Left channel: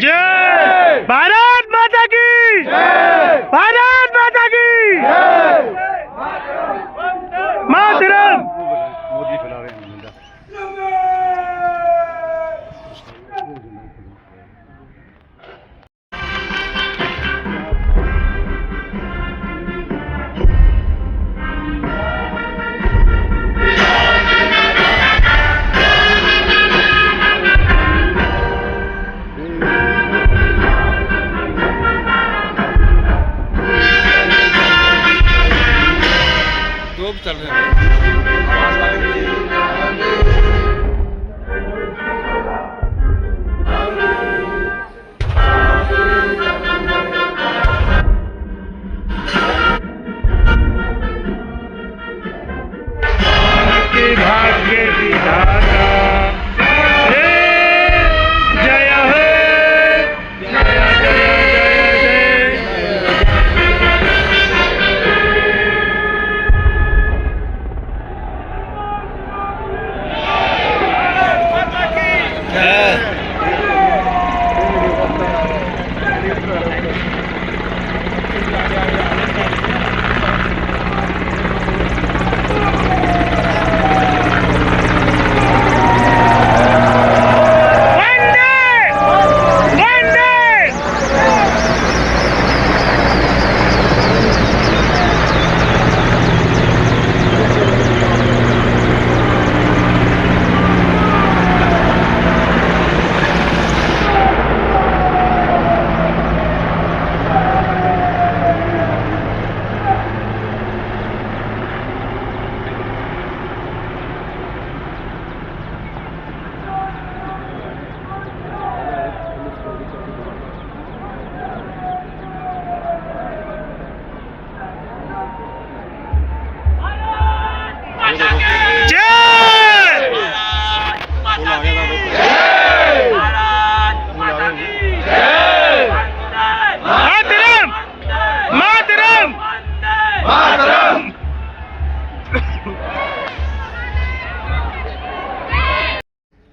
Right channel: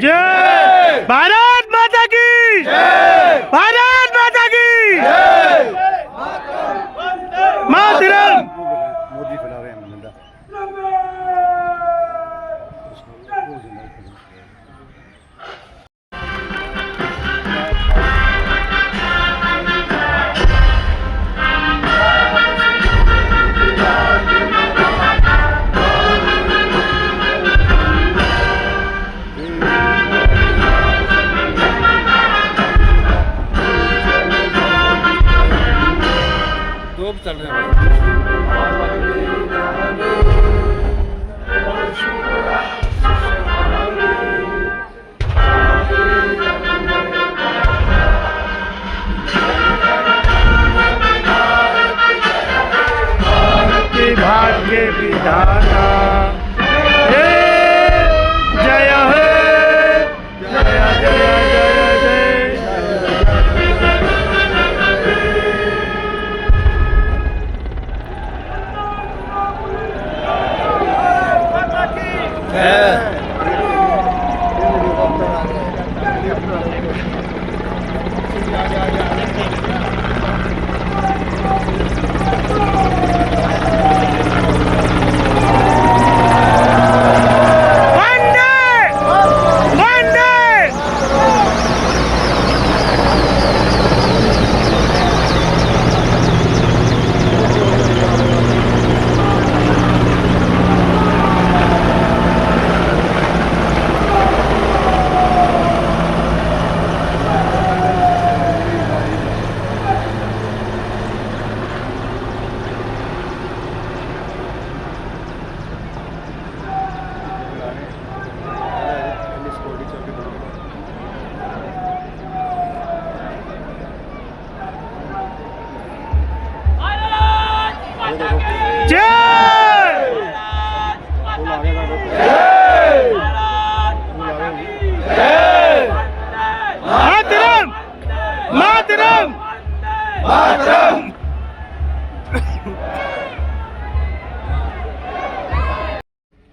जय। भारत माता की जय। भारत माता की जय। मातरम। मोदी फैला रहे हैं मुद्दा। चल रहे हैं भाग्य विधाता जय हे जय जय जय जय।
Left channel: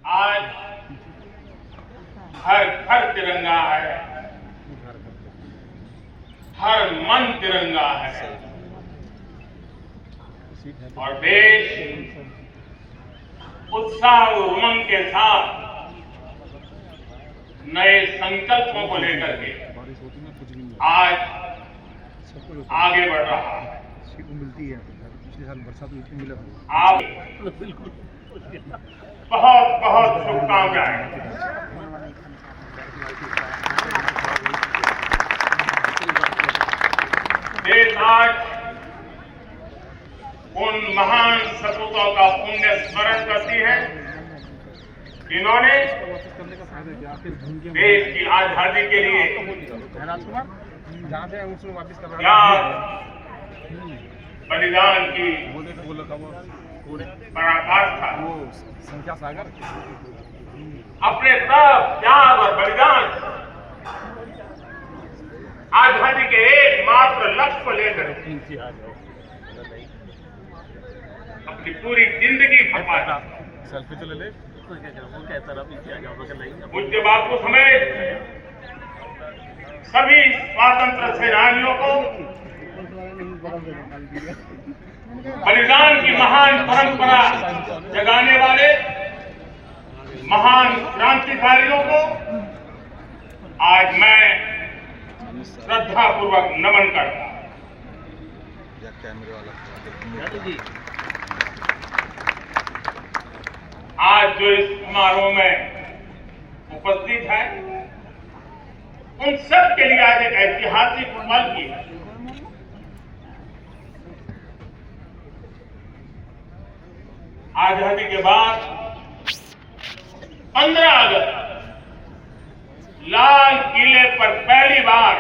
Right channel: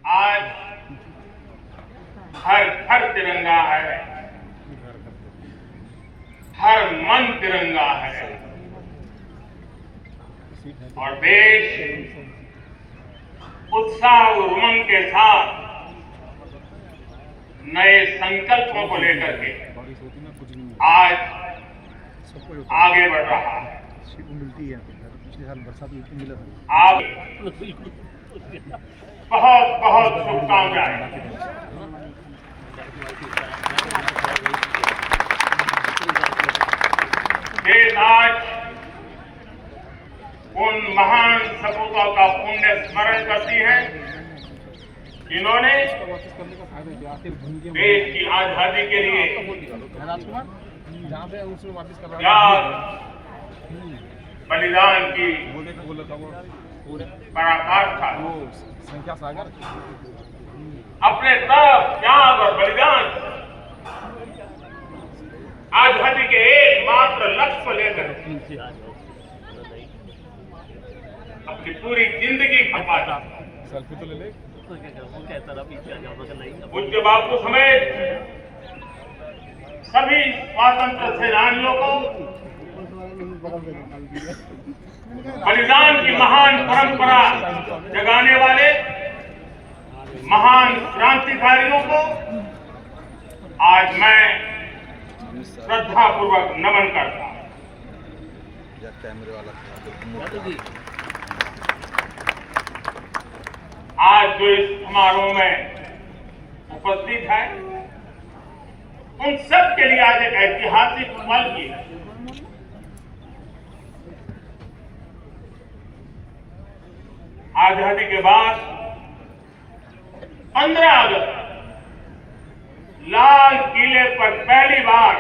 आज हर घर तिरंगा है, हर मन तिरंगा है और देश उत्साह और उमंग के साथ नए संकल्पों को लेकर के आज आगे बढ़ रहा है। आप बहुत बहुत शुभकामनाएं। देश आज उन महान सपूतों का पुण्य स्मरण करती है जिन्होंने देश की आजादी के लिए बलिदान की पराकाष्ठा संख्या सागर अपने तप त्याग और बलिदान आजादी के एकमात्र लक्ष्य को लेकर अपनी पूरी जिंदगी खपा। सेल्फी तो ले ले। पूज्य बापू समेत सभी स्वातंत्र सेनानियों को बलिदान की महान परंपरा जगाने वाले महान क्रांतिकारियों को आज मैं श्रद्धापूर्वक नमन करता हूं। आज जो इस समारोह में उपस्थित है उन सब के लिए आज एक ऐतिहासिक पल की है। आजादी के बाद 15 अगस्त लाल किले पर पहली बार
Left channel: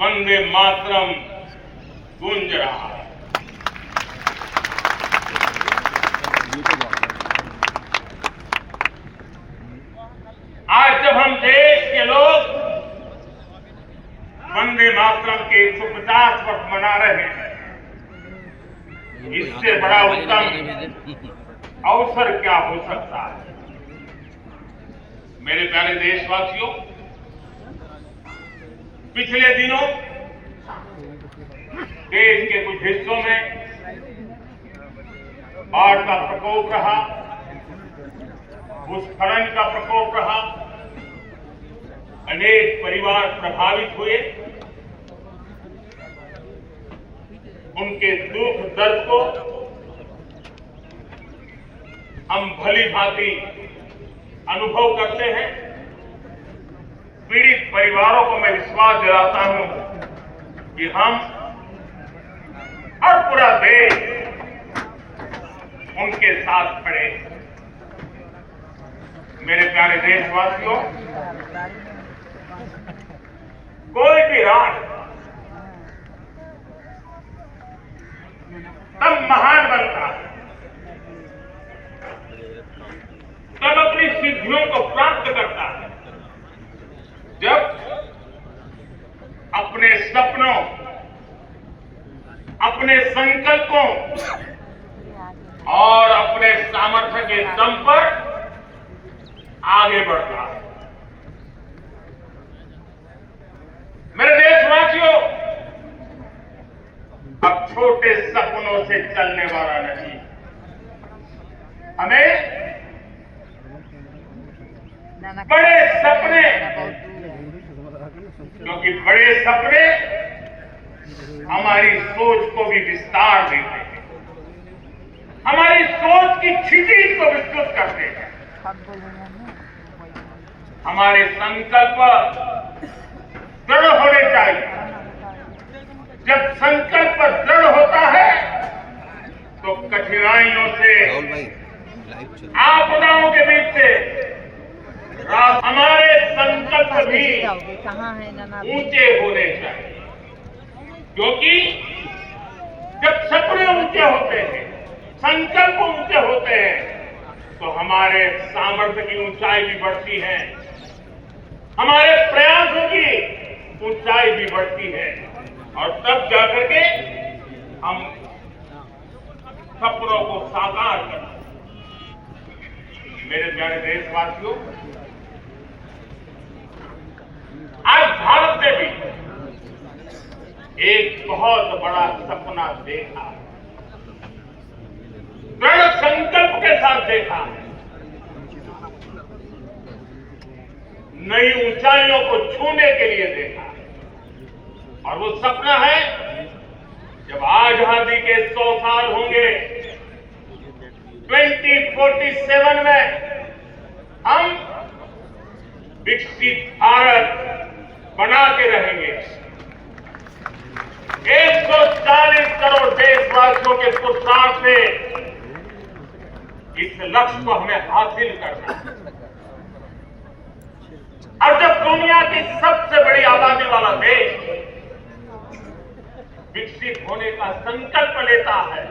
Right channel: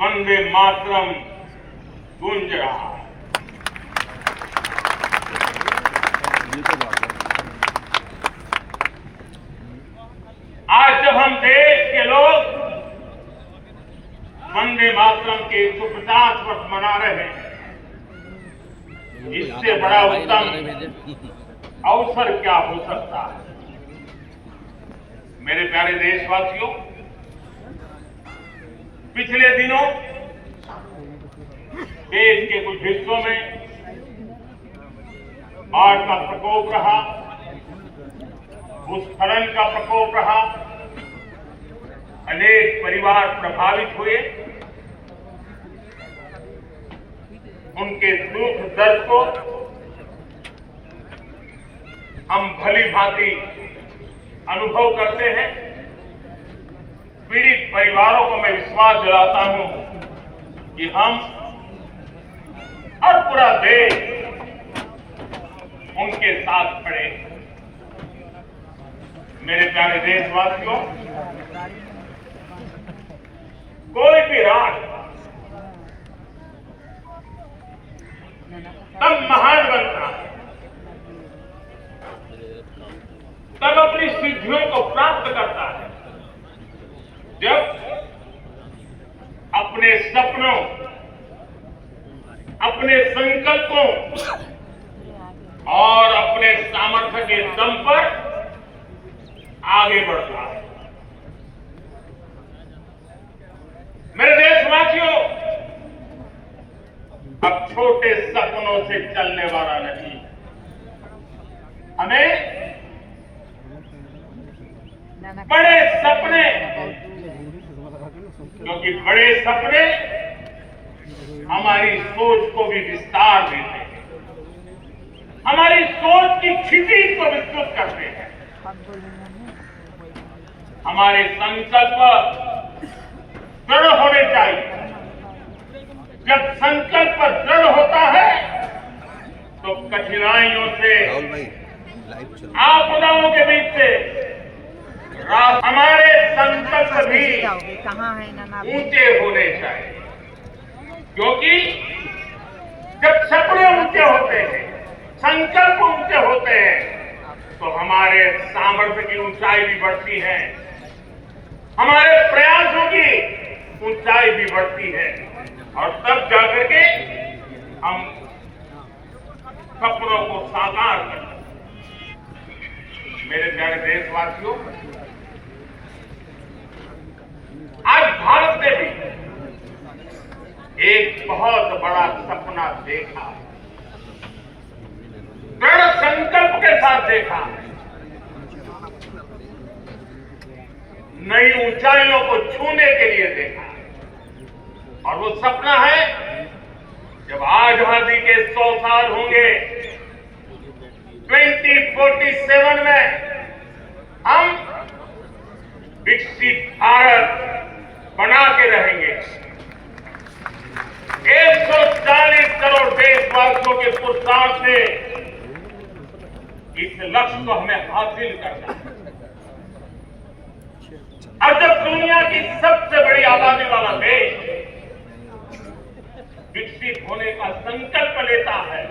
वंदे मातरम गूंज रहा है। आज जब हम देश के लोग वंदे मातरम के 150 वर्ष मना रहे हैं, इससे बड़ा उत्तम अवसर क्या हो सकता है। मेरे प्यारे देशवासियों, पिछले दिनों देश के कुछ हिस्सों में बाढ़ का प्रकोप रहा, भूस्खलन का प्रकोप रहा, अनेक परिवार प्रभावित हुए। उनके दुख दर्द को हम भली भांति अनुभव करते हैं। पीड़ित परिवारों को मैं विश्वास दिलाता हूं कि हम और पूरा देश उनके साथ खड़े हैं। मेरे प्यारे देशवासियों, कोई भी राष्ट्र तब महान बनता है, तब अपनी सिद्धियों को प्राप्त करता है, जब अपने सपनों, अपने संकल्पों और अपने सामर्थ्य के दम पर आगे बढ़ता है। मेरे देशवासियों, अब छोटे सपनों से चलने वाला नहीं, हमें बड़े सपने, क्योंकि बड़े सपने हमारी सोच को भी विस्तार देते हैं, हमारी सोच की क्षितिज को विस्तृत करते हैं। हमारे संकल्प दृढ़ होने चाहिए। जब संकल्प दृढ़ होता है तो कठिनाइयों से, आपदाओं के बीच से हमारे संकल्प भी ऊंचे होने चाहिए, क्योंकि जब सपने ऊंचे होते हैं, संकल्प ऊंचे होते हैं, तो हमारे सामर्थ्य की ऊंचाई भी बढ़ती है, हमारे प्रयासों की ऊंचाई भी बढ़ती है, और तब जाकर के हम सपनों को साकार करते हैं। मेरे प्यारे देशवासियों, आज भारत ने भी एक बहुत बड़ा सपना देखा, दृढ़ संकल्प के साथ देखा, नई ऊंचाइयों को छूने के लिए देखा। और वो सपना है, जब आजादी के 100 साल होंगे, 2047 में हम विकसित भारत बना के रहेंगे। 140 करोड़ देशवासियों के पुरुषार्थ से इस लक्ष्य को हमें हासिल करना है। और जब दुनिया की सबसे बड़ी आबादी वाला देश विकसित होने का संकल्प लेता है,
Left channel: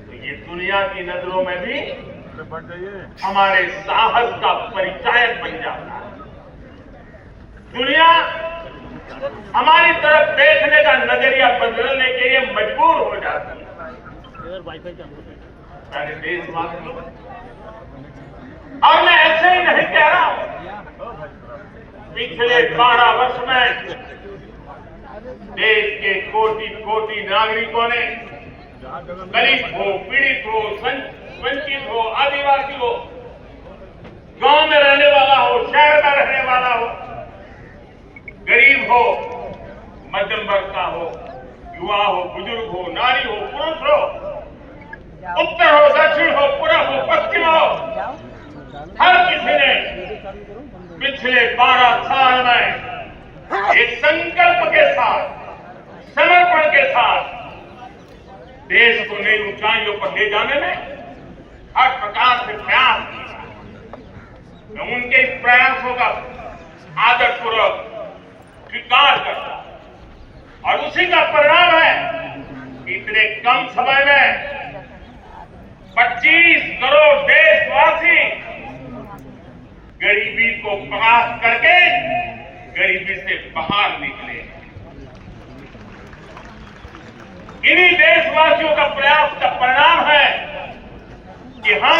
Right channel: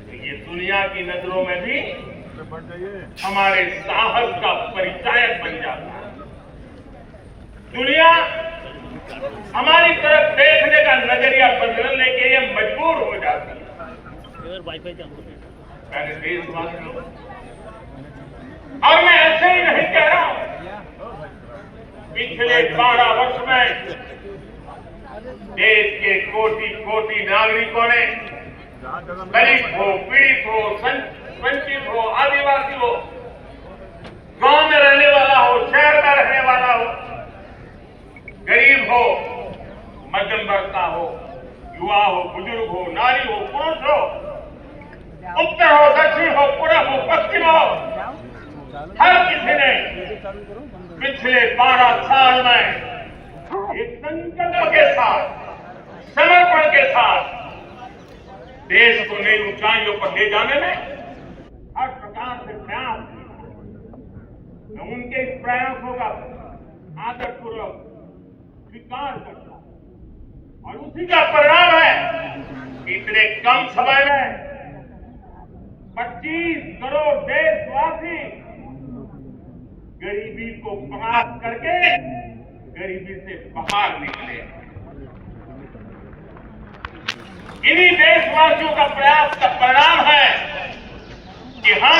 तो ये दुनिया की नजरों में भी हमारे साहस का परिचायक बन जाता है। दुनिया हमारी तरफ देखने का नजरिया बदलने के लिए मजबूर हो जाती है। मेरे देशवासियों, और मैं ऐसे ही नहीं कह रहा हूं, पिछले 12 वर्ष में देश के कोटि कोटि नागरिकों ने, गरीब हो, पीड़ित हो, वंचित हो, आदिवासी हो, गांव में रहने वाला हो, शहर में रहने वाला हो, गरीब हो, मध्यम वर्ग का हो, युवा हो, बुजुर्ग हो, नारी हो, पुरुष हो, उत्तर हो, दक्षिण हो, पूर्व हो, पश्चिम हो, हर किसी ने पिछले 12 साल में एक संकल्प के साथ, समर्पण के साथ देश को नई ऊंचाइयों पर ले जाने में हर प्रकार से प्रयास किया। मैं उनके इस प्रयासों का आदरपूर्वक स्वीकार करता, और उसी का परिणाम है कि इतने कम समय में 25 करोड़ देशवासी गरीबी को परास्त करके गरीबी से बाहर निकले। इन्हीं देशवासियों का प्रयास का परिणाम है कि हम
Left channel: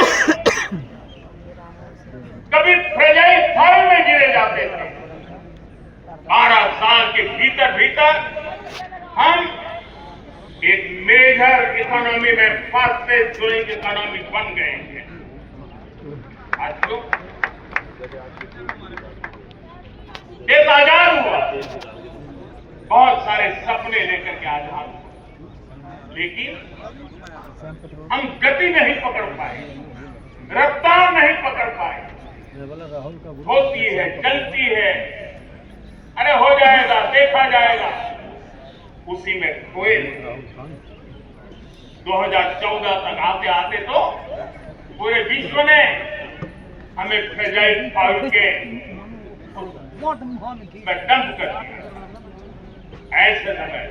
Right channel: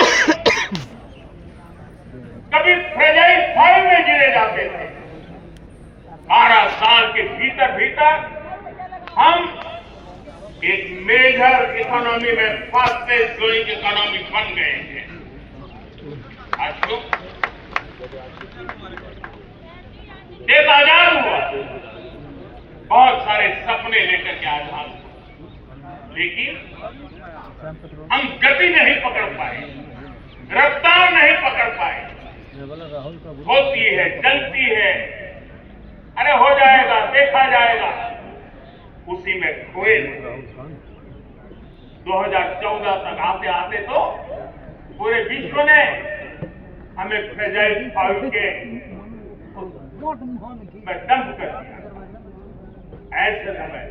कभी फ्रेजाइल फाइल में गिरे जाते थे। 12 साल के भीतर भीतर हम एक मेजर इकोनॉमी में फास्टेस्ट ग्रोइंग इकोनॉमी बन गए हैं। साथियों, देश आजाद हुआ, बहुत सारे सपने लेकर के आजाद हुआ, लेकिन हम गति नहीं पकड़ पाए, रफ्तार नहीं पकड़ पाए। होती है, चलती है, अरे हो जाएगा, देखा जाएगा, उसी में खोए। 2014 तक आते आते तो पूरे विश्व ने हमें फ्रेजाइल फाइल के डंप कर दिया। ऐसे समय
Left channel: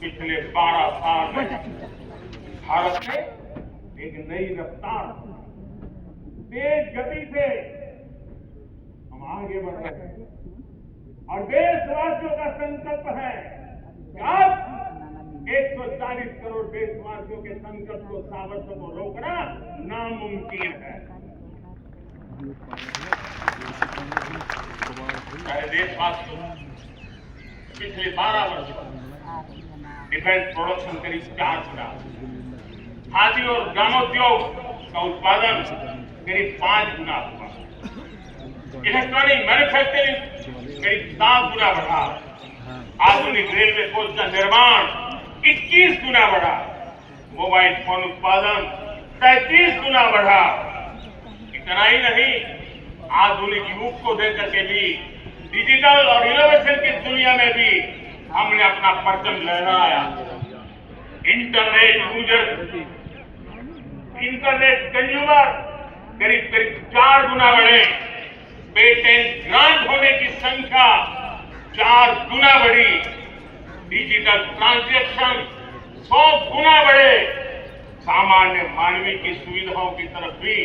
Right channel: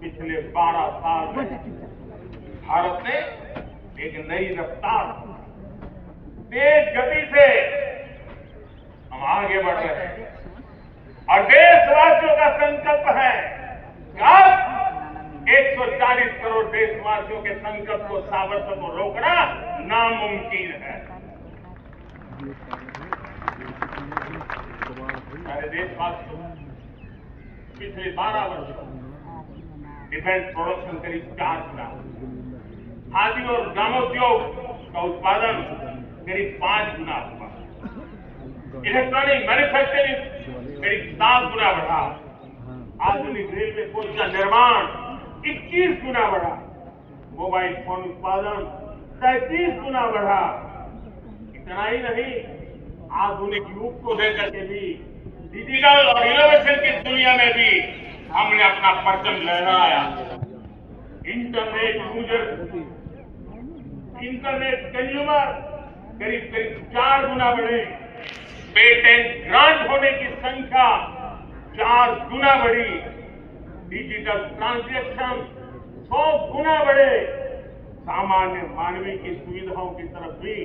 पिछले 12 साल में भारत ने एक नई रफ्तार, तेज गति से हम आगे बढ़ रहे हैं और देशवासियों का संकल्प है कि अब 140 करोड़ देशवासियों के संकल्प को, सामर्थ्य को रोकना नामुमकिन है। देशवासियों, पिछले 12 वर्षों डिफेंस प्रोडक्शन करीब 4 गुना, खादी और ग्रामोद्योग का उत्पादन करीब 5 गुना हुआ, इलेक्ट्रॉनिक मैन्युफैक्चरिंग करीब 7 गुना बढ़ा, आधुनिक रेलवे कोच का निर्माण 21 गुना बढ़ा, मोबाइल फोन उत्पादन 33 गुना बढ़ा। इतना ही नहीं, आधुनिक युग को देकर के भी डिजिटल और इनोवेशन की दुनिया में भी हमने अपना परचम लहराया। इंटरनेट यूजर, इंटरनेट कंज्यूमर करीब 4 गुना बढ़े, पेटेंट ग्रांट होने की संख्या 4 गुना बढ़ी, डिजिटल ट्रांजैक्शन 100 गुना बढ़े। सामान्य मानवीय की सुविधाओं की तरफ भी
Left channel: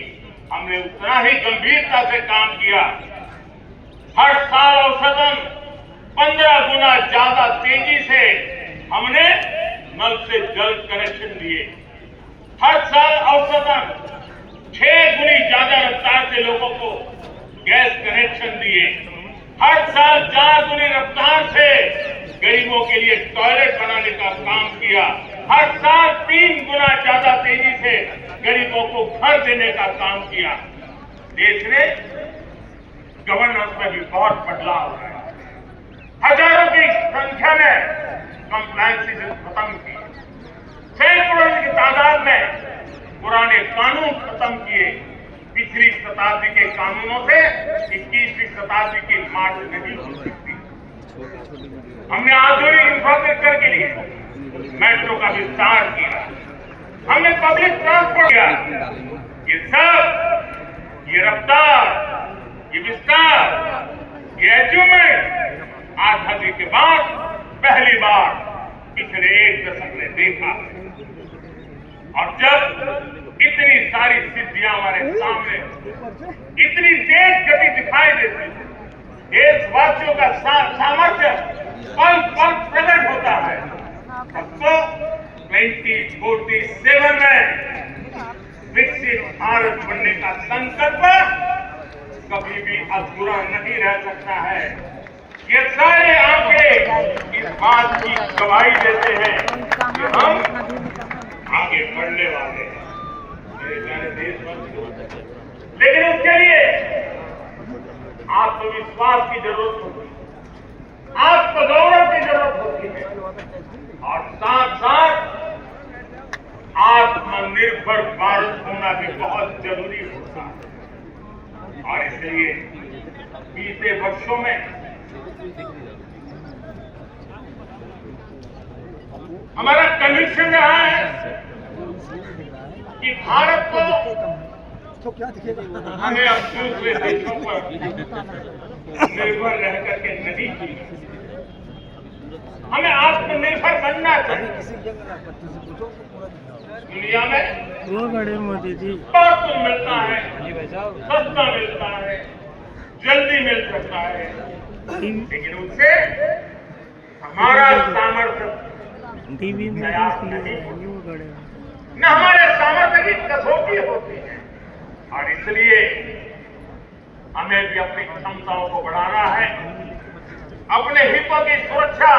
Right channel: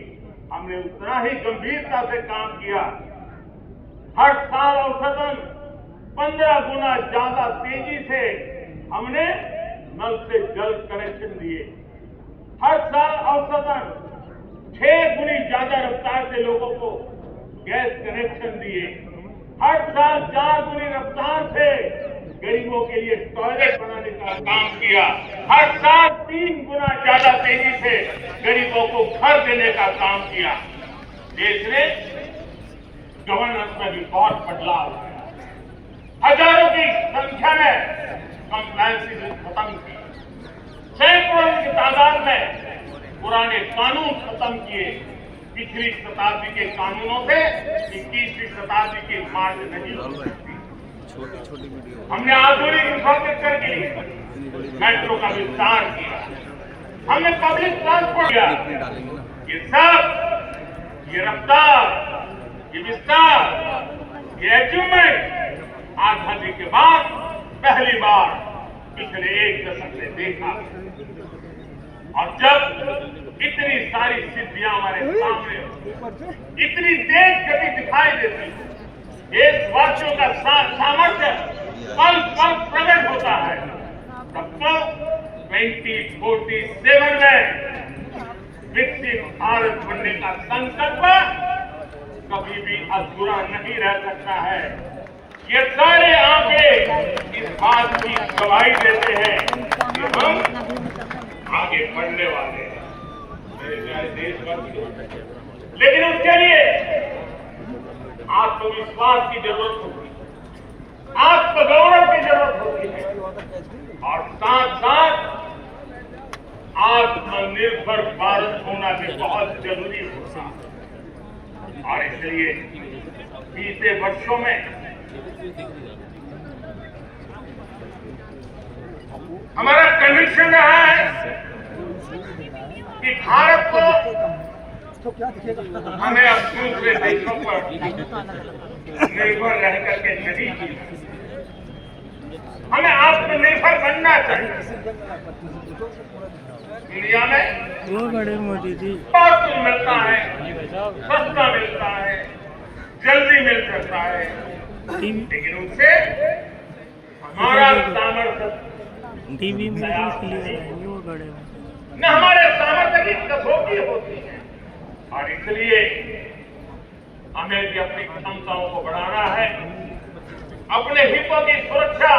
हमने उतना ही गंभीरता से काम किया। हर साल औसतन 15 गुना ज्यादा तेजी से हमने नल से जल कनेक्शन दिए। हर साल औसतन 6 गुनी ज्यादा रफ्तार से लोगों को गैस कनेक्शन दिए। हर साल 4 गुनी रफ्तार से गरीबों के लिए टॉयलेट बनाने का काम किया। हर साल 3 गुना ज्यादा तेजी से गरीबों को घर देने का काम किया। देश ने गवर्नेंस में भी बहुत बदलाव है। हजारों की संख्या में कंप्लायंसेस खत्म की, सैकड़ों की तादाद में पुराने कानून खत्म किए। पिछली शताब्दी के कानूनों से 21वीं शताब्दी की मार्च नहीं हो सकती। हमने आधुनिक इंफ्रास्ट्रक्चर के लिए मेट्रो का विस्तार किया, हमने पब्लिक ट्रांसपोर्ट किया। ये सब, ये रफ्तार, ये विस्तार, ये अचीवमेंट आजादी के बाद पहली बार पिछले 1 दशक में देखा। और जब इतनी सारी सिद्धियां हमारे सामने, इतनी तेज गति दिखाई देती है, देशवासियों का सामर्थ्य पल पल प्रकट होता है। अब तो 2047 में विकसित भारत बनने का संकल्प कभी भी अधूरा नहीं रह सकता है। ये सारे आंकड़े इस बात की गवाही देते हैं कि हम आगे बढ़ने वाले हैं, मेरे प्यारे देशवासियों। लेकिन उसके लिए आत्मविश्वास की जरूरत होती है, आत्मगौरव की जरूरत होती है और साथ साथ आत्मनिर्भर भारत होना भी बहुत जरूरी होता है। और इसलिए बीते वर्षों में हमारा कन्विक्शन रहा है कि भारत को हमें अब दूसरे देशों पर निर्भर रह करके नहीं जीना, हमें आत्मनिर्भर बनना चाहिए। दुनिया में वो बड़े मोदी जी बहुत कुछ मिलता है, सस्ता मिलता है, जल्दी मिल सकता है, लेकिन उससे हमारा सामर्थ्य टीवी में वो बड़े न हमारे सामर्थ्य की कसौटी होती है। और इसलिए लिए अपनी क्षमताओं को बढ़ाना है। अपने हितों की सुरक्षा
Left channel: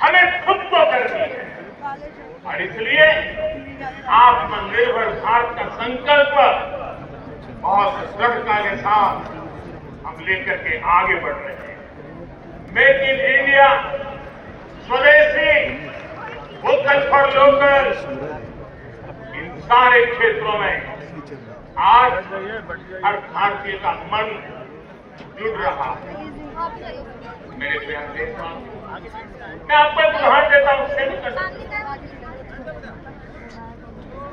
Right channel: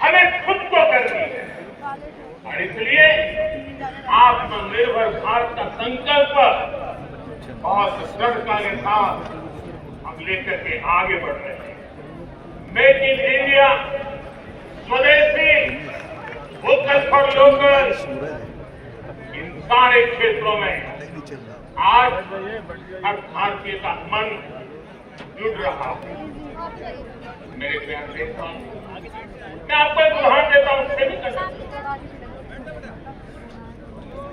हमें खुद को करनी है और इसलिए आत्मनिर्भर भारत का संकल्प बहुत दृढ़ता के साथ हम लेकर के आगे बढ़ रहे हैं। मेक इन इंडिया, स्वदेशी, वोकल फॉर लोकल, इन सारे क्षेत्रों में आज हर भारतीय का मन जुड़ रहा है। मेरे प्यारे देशवासी, मैं आपको एक उदाहरण देता हूं।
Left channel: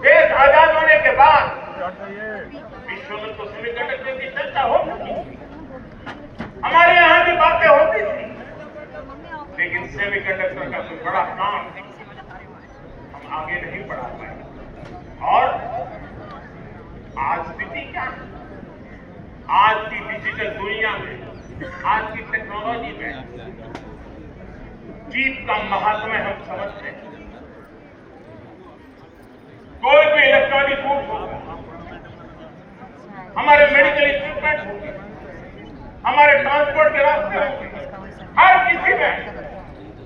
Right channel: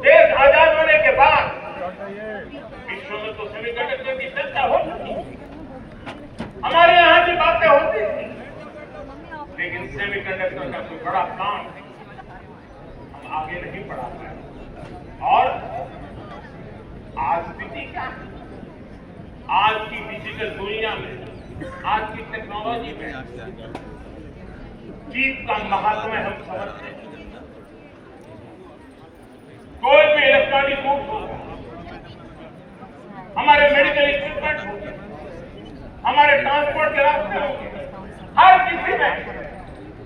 देश आजाद होने के बाद विश्व में तो सेमीकंडक्टर की चर्चा होती थी, हमारे यहाँ की बातें होती थी, लेकिन सेमीकंडक्टर का कोई बड़ा काम हम आगे नहीं बढ़ा पाए। और आज स्थिति क्या है? आज की डिजिटल दुनिया में, आज की टेक्नोलॉजी में जीत का महात्म्य हम समझते हैं। कोई भी इलेक्ट्रॉनिक गुड्स होगा, हमारे मेडिकल इक्विपमेंट होंगे, हमारे ट्रांसपोर्ट के रास्ते होंगे, हर किसी में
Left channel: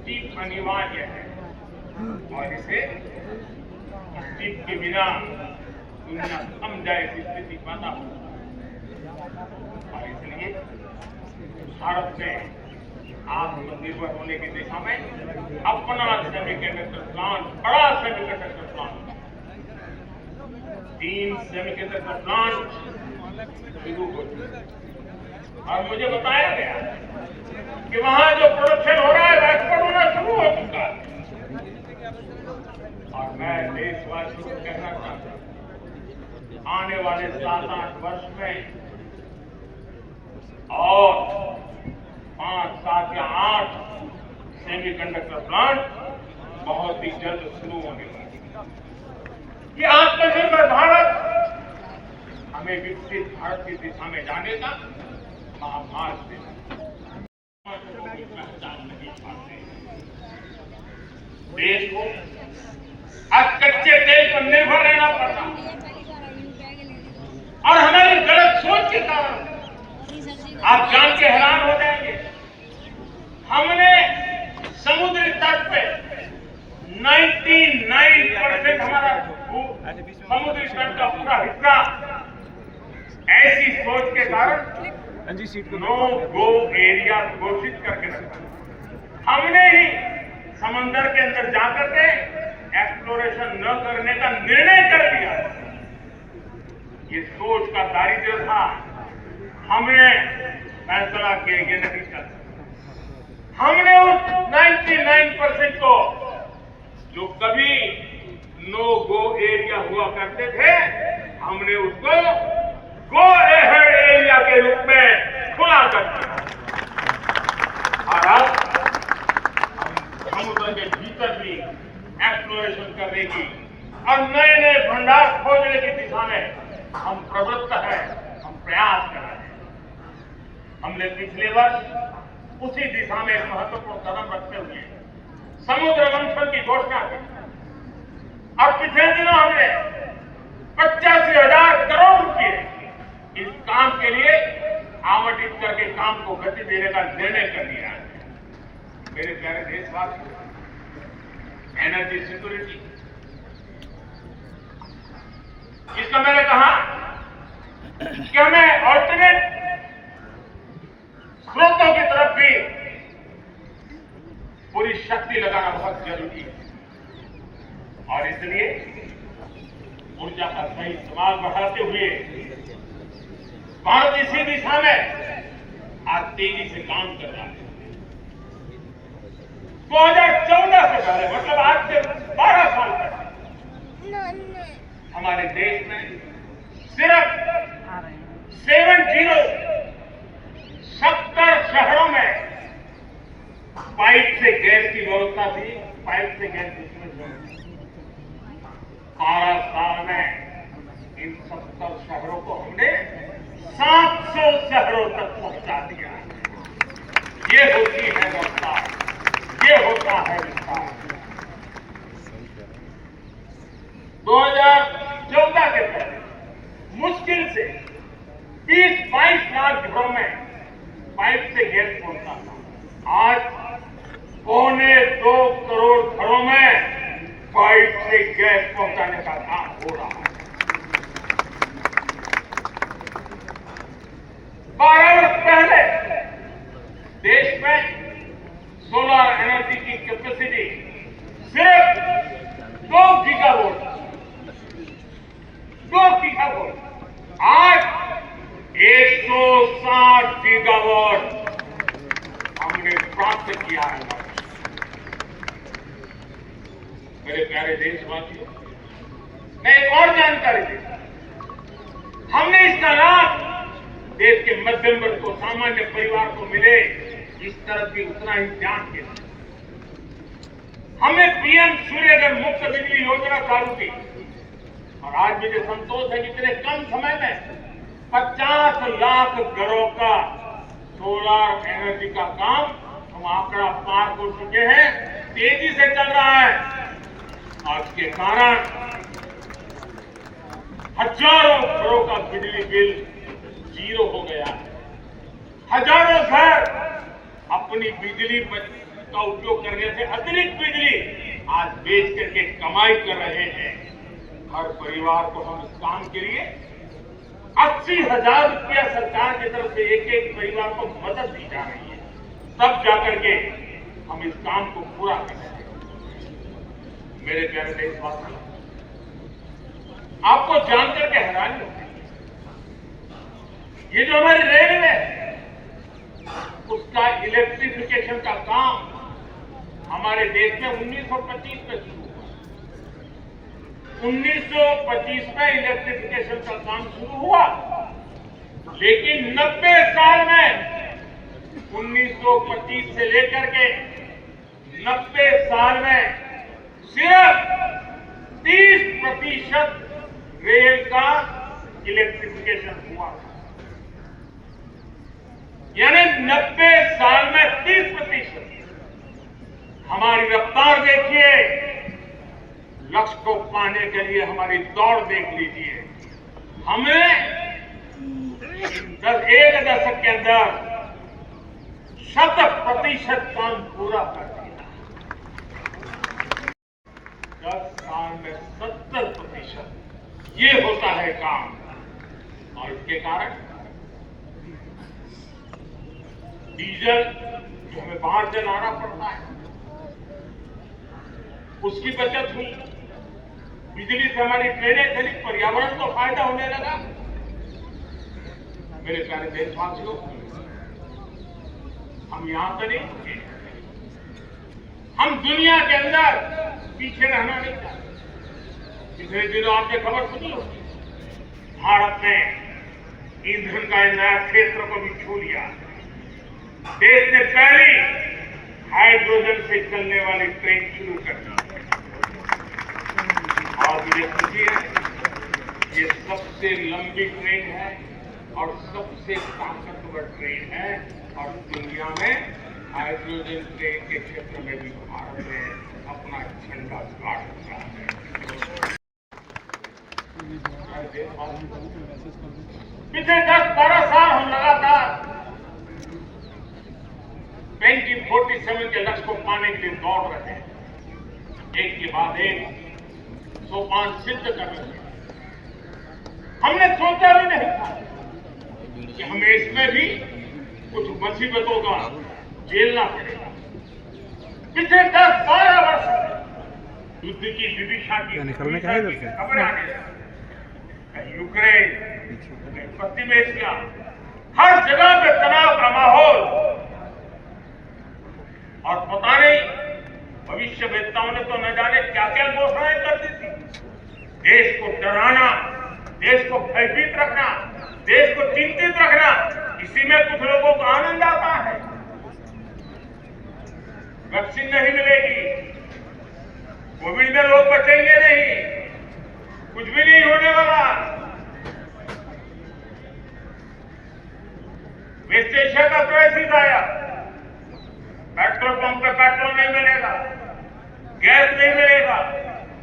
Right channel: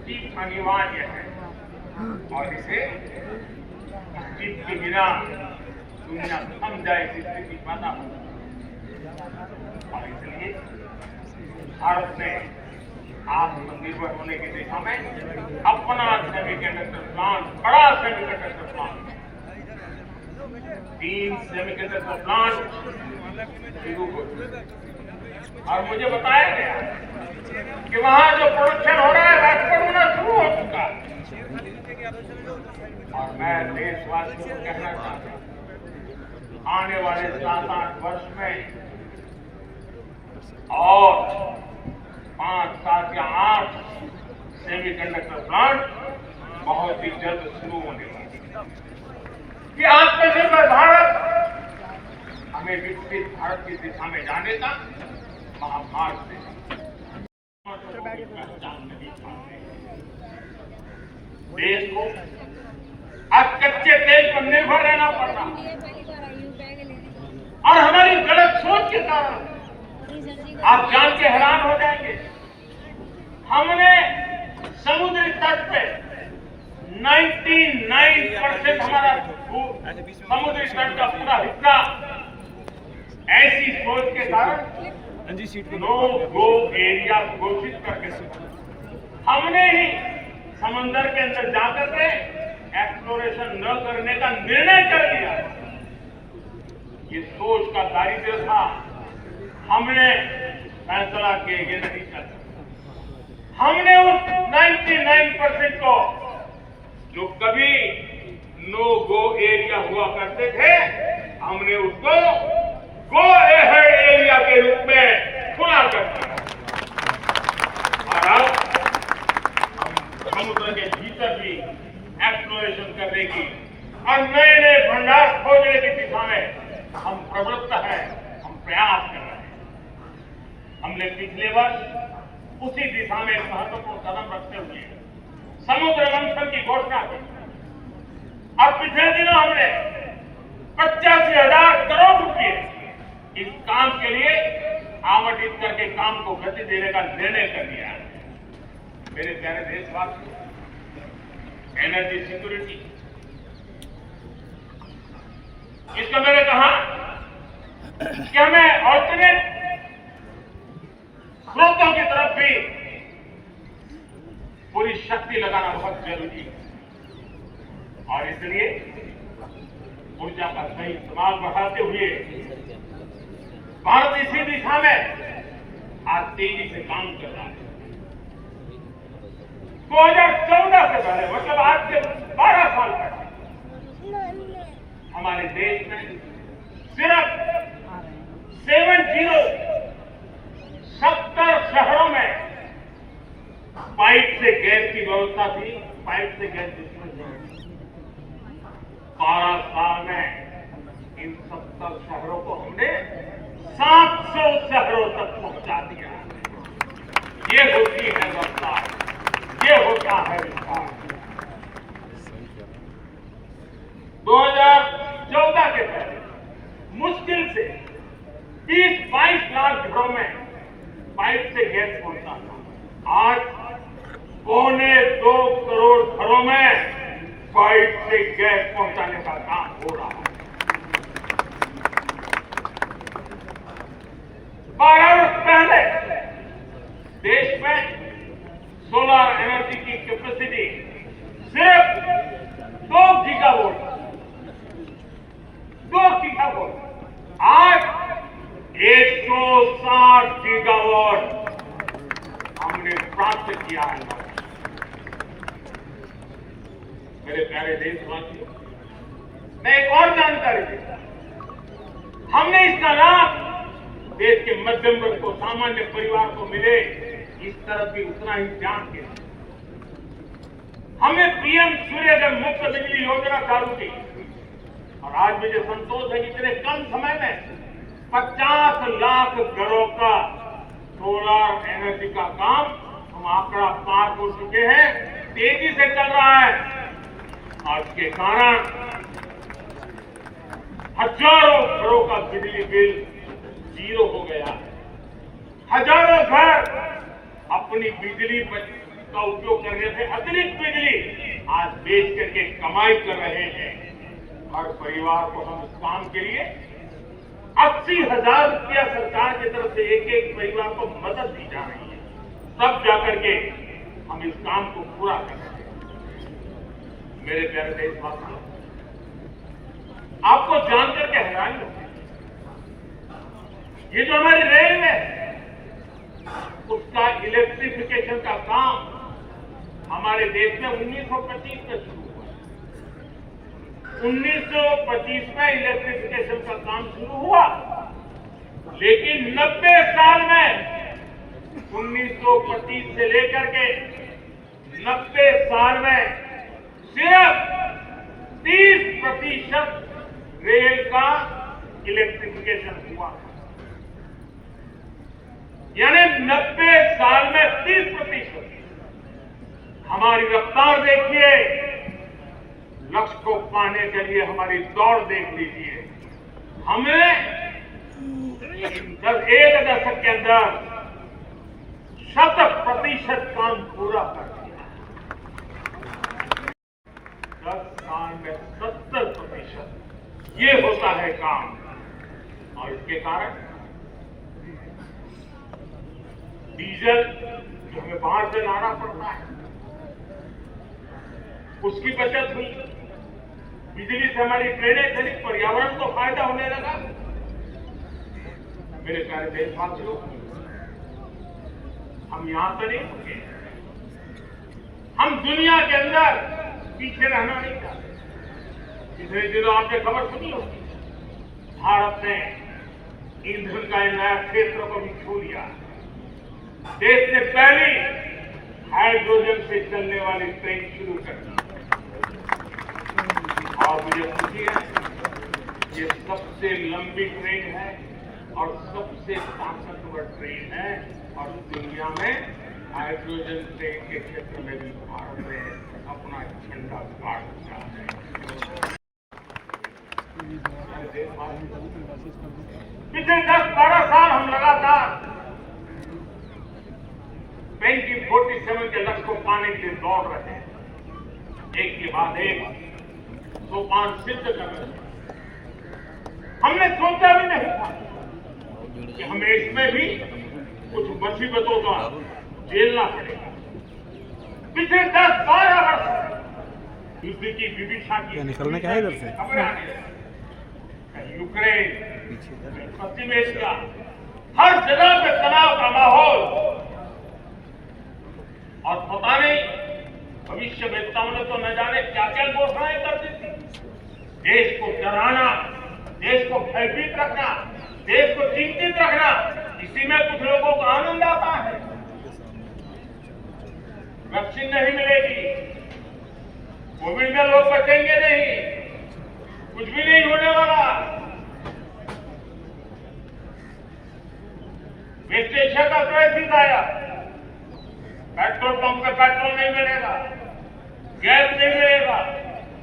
जीत अनिवार्य है और इसे जीत के बिना दुनिया थम जाए की स्थिति पैदा हो। और इसलिए भारत ने आत्मनिर्भर होने की दिशा में अपना सेमीकंडक्टर प्लांट, बड़ा सेमीकंडक्टर प्लांट, 3 सेमीकंडक्टर प्लांट शुरू हो चुके और मुझे बताया गया कि वहां जो प्रोडक्शन हो रहा है एक्सपोर्ट होना शुरू हो चुका है। और मैं देशवासियों को कहना चाहता हूं, आने वाले 7-8 वर्ष में और 5, 7 या 8 सेमीकंडक्टर प्लांट बहुत ही जल्द शुरू होने वाले हैं। ये आत्मनिर्भर भारत हमें विकसित भारत की दिशा में जाने का महामार्ग देगा। देश को आज कच्चे तेल पर निर्भर रहना पड़ता और हमारी गलत सोच के कारण आप जान के हैरान हो जाएंगे, हमने समुद्री तट पे 99% हमारा समुद्री तट का पूरा हिस्सा ऐसी सोच के कारण नो गो एरिया घोषित करके रखा। हमने ही समंदर के अंदर जाकर के एक्सप्लोरेशन न करने का निर्णय कर लिया। ये सोच का दारिद्र्य था, हमने फैसला किया ये नहीं करना। हमने उस 99% को जो कभी नो गो एरिया हुआ करते थे, हमने उसको गो एहेड एरिया के रूप में खुला कर दिया। और अब हम समुद्र के भीतर भी एक्सप्लोरेशन करने की और नए नए भंडार खोजने की दिशा में हम प्रवृत्त हैं, हम प्रयास कर रहे हैं। हमने पिछले वर्ष उसी दिशा में महत्वपूर्ण कदम रखते हुए समुद्र मंथन की घोषणा की और पिछले दिनों हमने 85,000 करोड़ रुपए इस काम के लिए आवंटित करके काम को गति देने का निर्णय कर लिया है। मेरे प्यारे देशवासी, एनर्जी सिक्योरिटी, इसका मैंने कहा कि हमें ऑल्टरनेट स्रोतों की तरफ भी पूरी शक्ति लगाना बहुत जरूरी है और इसलिए ऊर्जा का सही इस्तेमाल बढ़ाते हुए भारत इसी दिशा में आज तेजी से काम कर रहा है। 2014 से पहले, मतलब आज से 12 साल पहले हमारे देश में सिर्फ 70 शहरों में पाइप से गैस की व्यवस्था थी, पाइप से गैस डिस्ट्रीब्यूशन। 12 साल में इन 70 शहरों को हमने 700 शहरों तक पहुंचा दिया। ये होती है रफ्तार, ये होता है विस्तार। 2014 के पहले मुश्किल से 30-22 लाख घरों में पाइप से गैस पहुंचता था। आज 1.25 करोड़ घरों में पाइप से गैस पहुंचाने का काम हो रहा है। 12 वर्ष पहले देश में सोलर एनर्जी की कैपेसिटी सिर्फ 2 गीगावाट। आज 160 गीगावाट हमने प्राप्त किया है। मेरे प्यारे देशवासियों, मैं एक और जानकारी देता हूं। हमने इसका लाभ देश के मध्यम वर्ग को, सामान्य परिवार को मिले, इस तरफ भी उतना ही ध्यान दिया। हमने पीएम सूर्योदय मुफ्त बिजली योजना चालू की और आज मुझे संतोष है कि इतने कम समय में 50 लाख घरों का सोलर एनर्जी का काम हम आंकड़ा पार हो चुके हैं। तेजी से चल रहा है। आज के कारण हजारों घरों का बिजली बिल 0 हो गया है। हजारों घर अपनी बिजली का उपयोग करने से अतिरिक्त बिजली आज बेच करके कमाई कर रहे हैं। हर परिवार को हम इस काम के लिए 80,000 रुपया सरकार की तरफ से एक परिवार को मदद दी जा रही है। तब जाकर के हम इस काम को पूरा कर सकते हैं। मेरे प्यारे देशवासियों, आपको जानकर के हैरानी होगी, ये जो हमारी रेलवे है उसका इलेक्ट्रिफिकेशन का काम हमारे देश में 1925 में शुरू हुआ। 1925 में इलेक्ट्रिफिकेशन का काम शुरू हुआ, लेकिन 90 साल में 1925 से लेकर के 90 साल में सिर्फ 30% रेल का इलेक्ट्रिफिकेशन हुआ। यानी 90 साल में 30%। हमारी रफ्तार देखिए, लक्ष्य को पाने के लिए हमारी दौड़ देख लीजिए। हमने एक दशक के अंदर 100% काम पूरा कर दिया। 10 साल में 70%। ये होता है काम। और इसके कारण डीजल जो हमें बाहर से लाना पड़ता है उसकी बचत हुई। बिजली से हमारी ट्रेनें चली, पर्यावरण को फायदा होने लगा। मेरे प्यारे देशवासियों, हम यहां तो नहीं, हम दुनिया के अंदर पीछे रहना नहीं चाहते। पिछले दिनों आपने खबर सुनी होगी, भारत ने ईंधन का नया क्षेत्र को भी छू लिया। देश ने पहली हाइड्रोजन से चलने वाली ट्रेन शुरू कर दी और मुझे खुशी है, ये सबसे लंबी ट्रेन है और सबसे ताकतवर ट्रेन है और दुनिया में हाइड्रोजन ट्रेन के क्षेत्र में भी भारत ने अपना झंडा गाड़ दिया है। पिछले 10-12 साल हम लगातार 2047 के लक्ष्य को पाने के लिए दौड़ रहे हैं। एक के बाद एक सोपान सिद्ध कर रहे हैं। हमने सोचा भी नहीं था कि हमें इसमें भी कुछ मुसीबतों का झेलना पड़ेगा। पिछले 10-12 वर्ष युद्ध की विदिशा की निकलने का है इधर से खबरें आने लगी। यूक्रेन, पश्चिम एशिया, हर जगह पे तनाव का माहौल। और पता नहीं भविष्य वेत्ताओं ने तो न जाने क्या क्या घोषणाएं कर दी थी। देश को डराना, देश को भयभीत रखना, देश को चिंतित रखना, इसी में कुछ लोगों को आनंद आता है। वैक्सीन नहीं मिलेगी, कोविड में लोग बचेंगे नहीं, कुछ भी नहीं होने वाला। वेस्ट एशिया का क्राइसिस आया, पेट्रोल पंप पे पेट्रोल नहीं मिलेगा, गैस नहीं मिलेगा,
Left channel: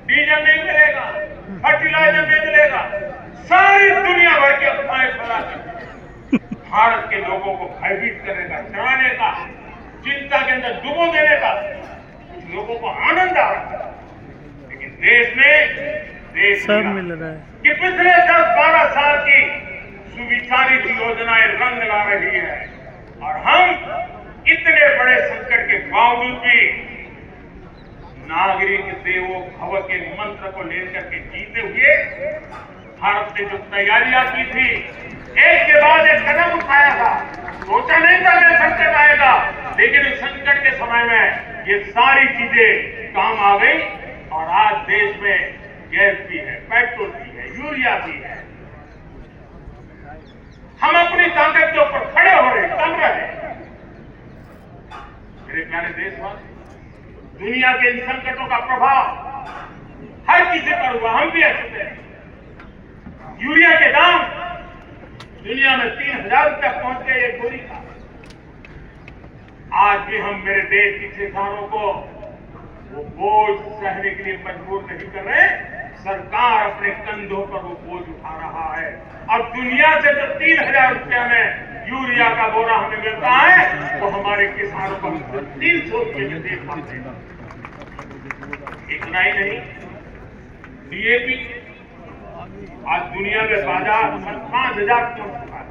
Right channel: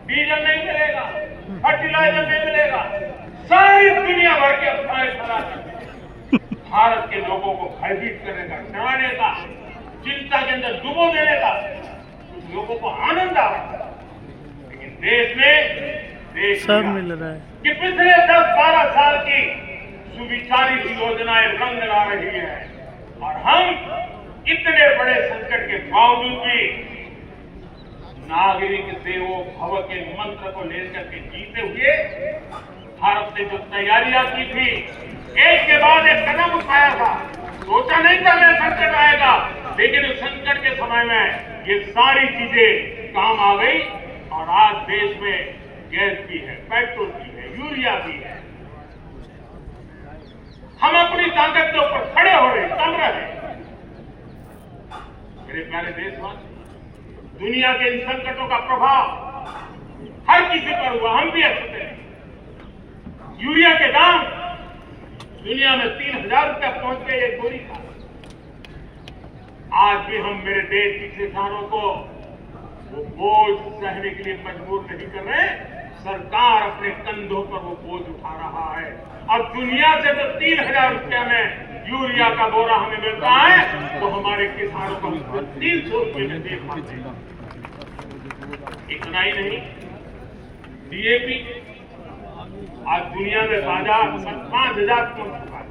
डीजल नहीं मिलेगा, फर्टिलाइजर नहीं मिलेगा। सारी दुनिया भर के अफवाहें फैला दी। भारत के लोगों को भयभीत करने का, डराने का, चिंता के अंदर डुबो देने का, कुछ लोगों को आनंद आ रहा है। लेकिन देश सब मिल रहा है कि पिछले 10-12 साल की सुविचारित योजनाएं रंग ला रही है और हम इतने बड़े संकट के बावजूद भी नागरिक देवो भव के मंत्र को लेकर के जीते हुए भारत ने जो तैयारियां की थी, एक के बाद एक कदम उठाया था। सोचा नहीं था ये संकट आएगा, लेकिन इस संकट के समय में ये सारी चीजें काम आ गई और आज देश में गैस भी है, पेट्रोल भी है, यूरिया भी है। हम अपनी ताकत के ऊपर खड़े हो रहे, कम रहे। मेरे प्यारे देशवासी, दुनिया के इन संकटों का प्रभाव हर किसी पर हुआ, हम भी ऐसे। यूरिया के दाम दुनिया में 3000 रुपये पहुंच गए एक बोरी का। आज भी हम मेरे देश के किसानों को वो बोझ सहने के लिए मजबूर नहीं कर रहे। सरकार अपने कंधों पर वो बोझ उठा रहा है। अब दुनिया से जब 3000 रुपया में यूरिया का बोरा हमें मिलता है, तो हमारे किसानों को 300 रुपये में दे पाते हैं। इतना ही नहीं, डीएपी आज दुनिया में बाजार 5000 पहुंच चुका है।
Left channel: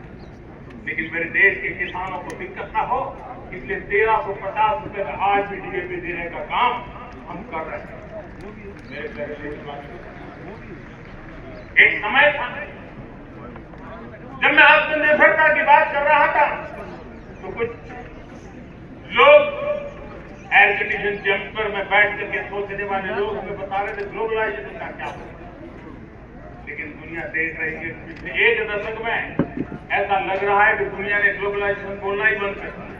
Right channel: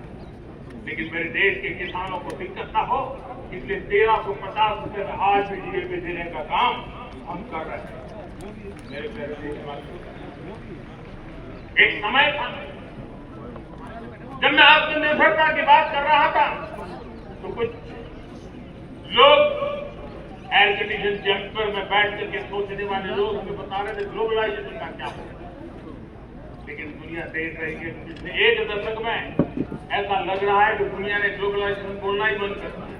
लेकिन मेरे देश के किसानों को दिक्कत ना हो, इसलिए 1350 रुपये में आज भी डीएपी देने का काम हम कर रहे हैं। मेरे प्यारे देशवासियों, एक समय था जब मैं आत्मनिर्भरता की बात कर रहा था, तो कुछ लोग एजुकेशन जंपर में बैठ करके सोचने वाले लोग हमें बता रहे थे ग्लोबलाइजेशन का क्या है। लेकिन दुनिया देख रही है पिछले एक दशक में ऐसा लग रहा है कि दुनिया ने ग्लोबलाइजेशन बोलना ही बंद कर दिया।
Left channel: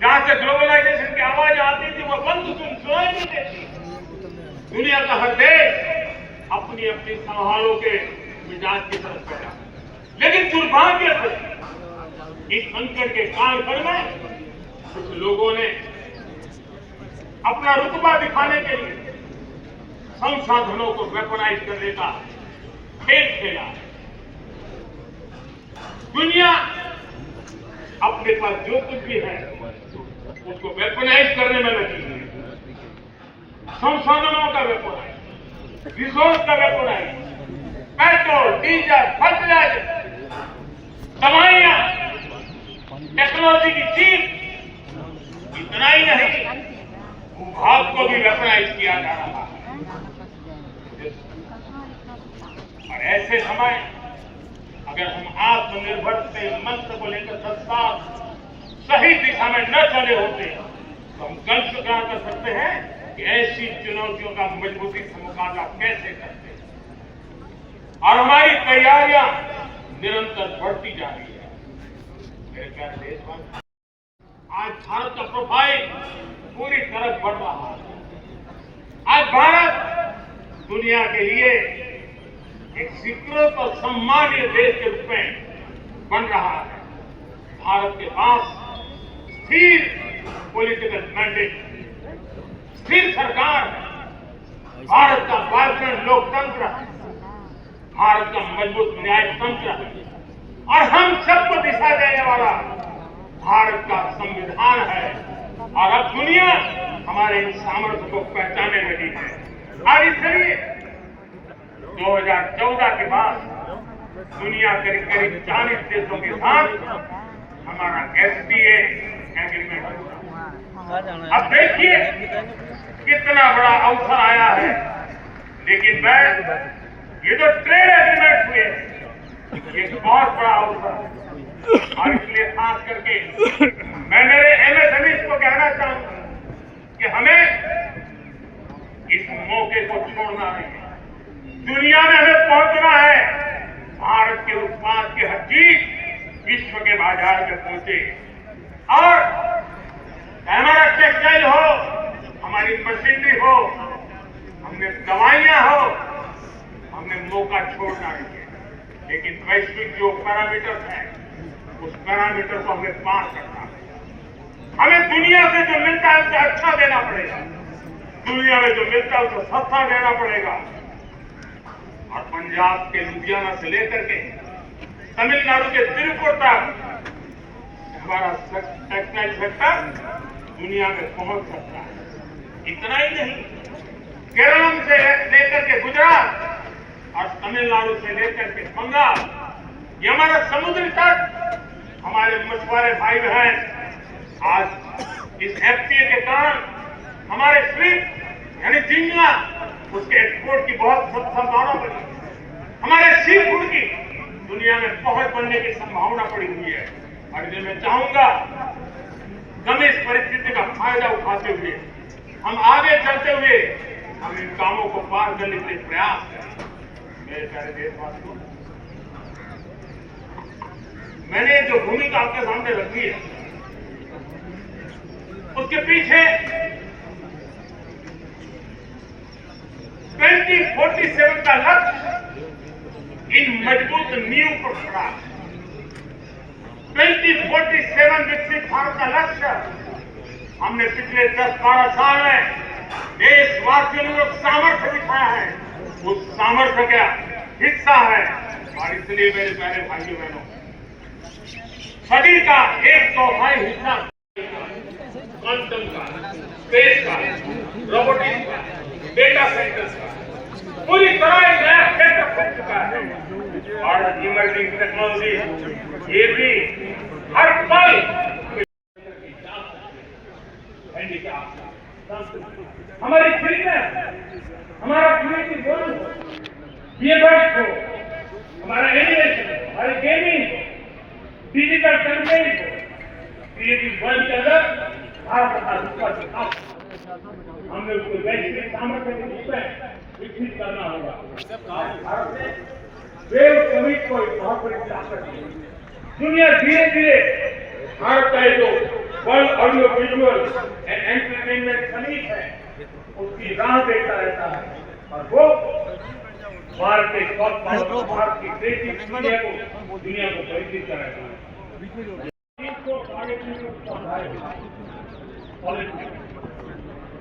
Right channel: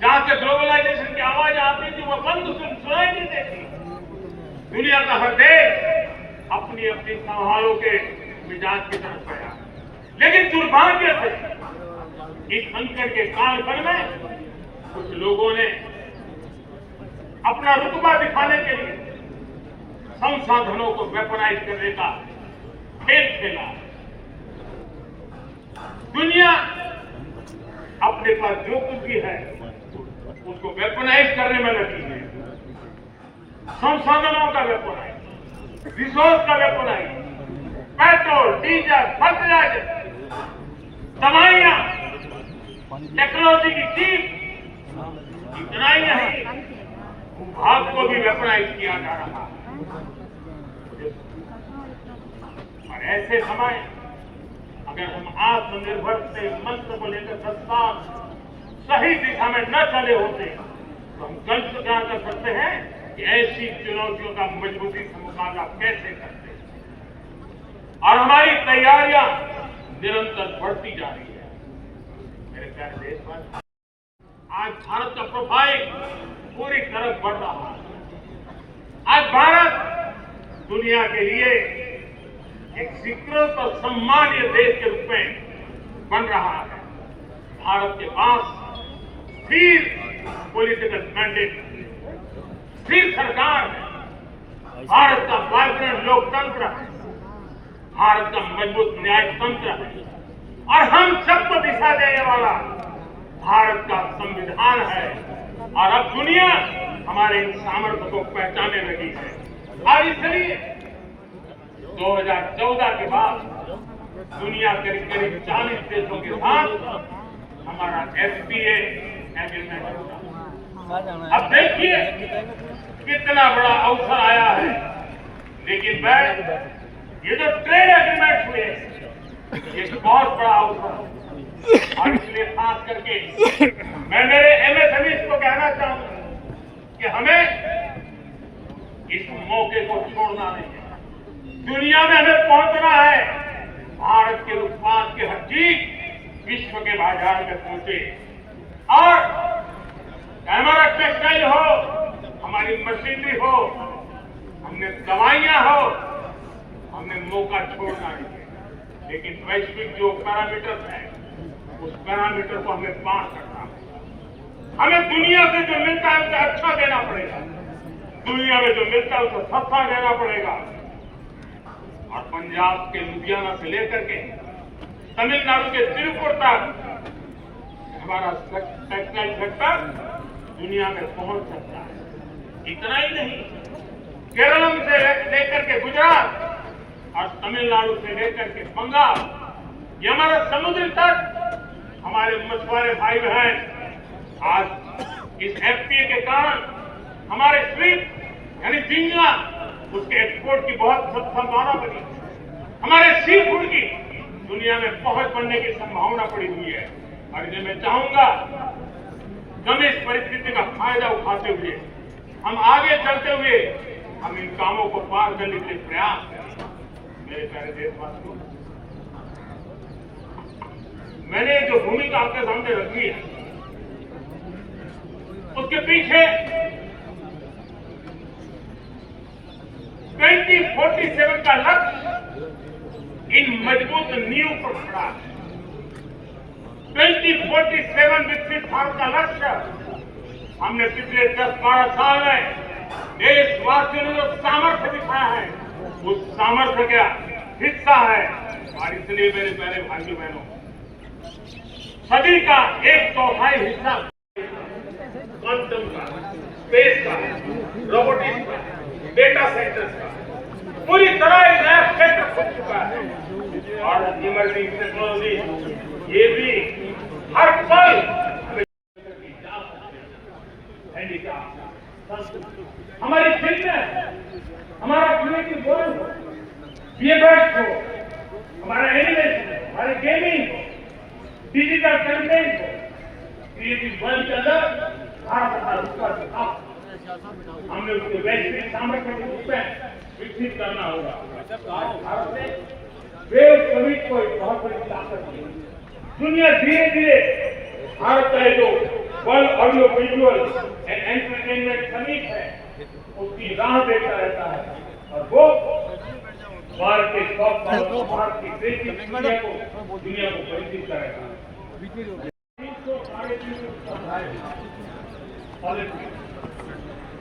जहां से ग्लोबलाइजेशन की आवाज आती थी वो बंद सुनाई नहीं देती। दुनिया का हर देश अपनी अपनी संभालों के मिजाज की तरफ गया। लेकिन दुर्भाग्य से इस संकट के कालखंड में कुछ लोगों ने अपना रुतबा दिखाने के लिए संसाधनों को वेपनाइज करने का खेल खेला। दुनिया अपने पास जो कुछ भी है उसको वेपनाइज करने में लगी है। संसाधनों का वेपनाइज, रिसोर्स का वेपनाइज, पेट्रोल, डीजल, फर्टिलाइजर, दवाइयां, टेक्नोलॉजी की चीज, इतना ही नहीं, भूभाग को भी वेपनाइज किया जा रहा है। और ऐसे समय अगर हम आत्मनिर्भर के मंत्र को लेकर 10 साल सही दिशा में न चले होते, तो हम कल स्वीकार कर सकते हैं कि ऐसी चुनौतियों का मजबूती से मुकाबला कैसे करते हैं। और हमारी तैयारियां निरंतर बढ़ती जा रही है। मेरे प्यारे देशवासी, आज भारत का प्रोफाइल पूरी तरह बढ़ रहा है। आज भारत दुनिया के लिए एक स्वीकृत और सम्मानीय देश के रूप में बन रहा है। भारत के पास स्थिर पॉलिटिकल मैंडेट, स्थिर सरकार, भारत का वाइब्रेंट लोकतंत्र, भारत का मजबूत न्यायतंत्र और हम सबको दिशा देने वाला भारत का संविधान है। और अब दुनिया हमारे सामर्थ्य को पहचानने लगी है। और इसलिए 2014 के बाद दुनिया के करीब 40 देशों के साथ हमारा FTA एग्रीमेंट हुआ। अब देखिए कितना बड़ा अवसर आया है। लेकिन मैं ये जो ट्रेड एग्रीमेंट हुए, ये बहुत बड़ा अवसर, और इसलिए खास करके मैं मेरे MSMEs को कहना चाहूंगा कि हमें इस मौके को छोड़ना नहीं है। दुनिया में हमें पहुंचना है। भारत के उत्पाद की हर चीज विश्व के बाजार में पहुंचे और हमारा टेक्सटाइल हो, हमारी मशीनरी हो, हमें दवाइयां हो, हमें मौका छोड़ना नहीं है। लेकिन वैश्विक जो पैरामीटर है, उस पैरामीटर को हमें पार करना है। हमें दुनिया से जो मिलता है उसे अच्छा देना पड़ेगा, दुनिया में जो मिलता है उसे सस्ता देना पड़ेगा। और पंजाब के लुधियाना से लेकर के तमिलनाडु के तिरुपुर तक हमारा टेक्सटाइल सेक्टर दुनिया में पहुंच सकता है। इतना ही नहीं, केरल से लेकर के गुजरात और तमिलनाडु से लेकर के बंगाल, ये हमारा समुद्री तट, हमारे मछुआरे भाई बहन आज इस एफटीए के कारण हमारे स्वीट यानी झींगा उसके एक्सपोर्ट की बहुत संभावना बनी, हमारे सी फूड की दुनिया में पहुंच बनने की संभावना पड़ी हुई है। और इसलिए मैं चाहूंगा हम इस परिस्थिति का फायदा उठाते हुए, हम आगे चलते हुए हम इन कामों को पार करने के प्रयास करें। मेरे प्यारे देशवासियों, मैंने जो भूमिका आपके सामने रखी है उसके पीछे 2047 का लक्ष्य इन मजबूत नींव पर खड़ा है। 2047 विकसित भारत का लक्ष्य हमने पिछले 10-12 साल में देशवासियों ने जो सामर्थ्य दिखाया है उस सामर्थ्य का हिस्सा है। और इसलिए मेरे प्यारे भाइयों बहनों, सदी का 1/4 हिस्सा क्वांटम का, स्पेस का, रोबोटिक्स का, डेटा सेंटर्स का पूरी तरह एक नया क्षेत्र बन चुका है। और इमर्जिंग टेक्नोलॉजी ये भी हर पल हमारी फिटनेस, हमारा क्रिएटिव जोन, बीएडएक्स हो, हमारा एनिमेशन, हमारी गेमिंग, डिजिटल कंटेंट हो, क्रिएटिव वर्ल्ड के अंदर हमने उसको वैश्विक सामर्थ्य के रूप में विकसित करना होगा। भारत ने वेव समिट को बहुत बड़ी ताकत दी। दुनिया धीरे धीरे भारत का जो world audio visual and entertainment summit है उसकी राह देखता रहता है। और वो भारत के भारत की क्रिएटिव दुनिया को परिचित कराता है।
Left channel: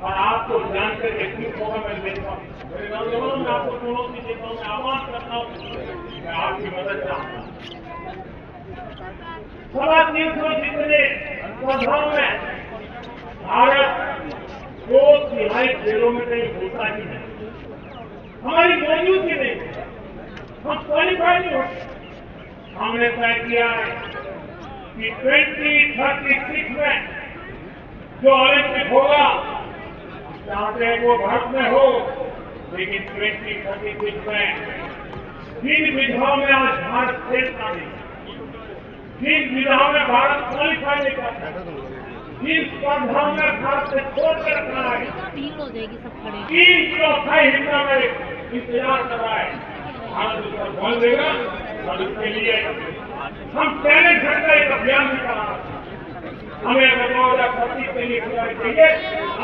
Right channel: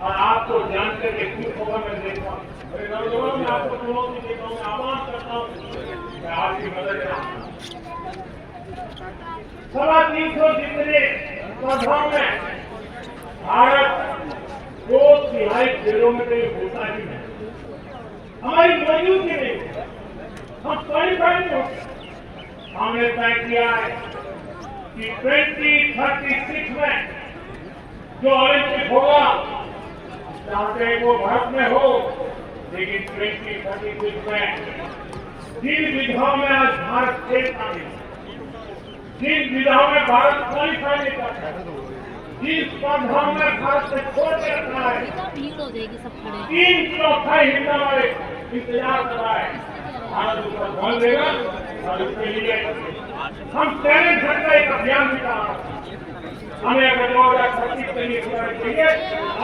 और आपको जानकर के खुश होगा। मैं देखता हूँ मेरे नौजवान, मैं आपको दोनों की देखता हूँ, मैं आह्वान करता हूँ, मैं आपकी मदद चाहता हूँ। 350 जितने स्पर्धाओं में भारत 2/3 खेलों में कहीं होता ही नहीं, हमारी मौजूदगी नहीं, हम क्वालिफाई नहीं होते। हमने तय किया है कि 2036 में जो ओलंपिक होगा, चाहते हैं वो भारत में हो, लेकिन 2036 में जिन विधाओं में आज भारत खेलता नहीं, जिन विधाओं में भारत क्वालिफाई नहीं करता, जिन स्पर्धाओं में भारत से छोड़ कर रखा है, 3/4 हिस्सा में इंतजार कर रहा है। भारत उसका बल देगा और उसके लिए हम टैलेंट हट का एक अभियान भी चला। हमें 2025 के लिए पूरा चाहिए।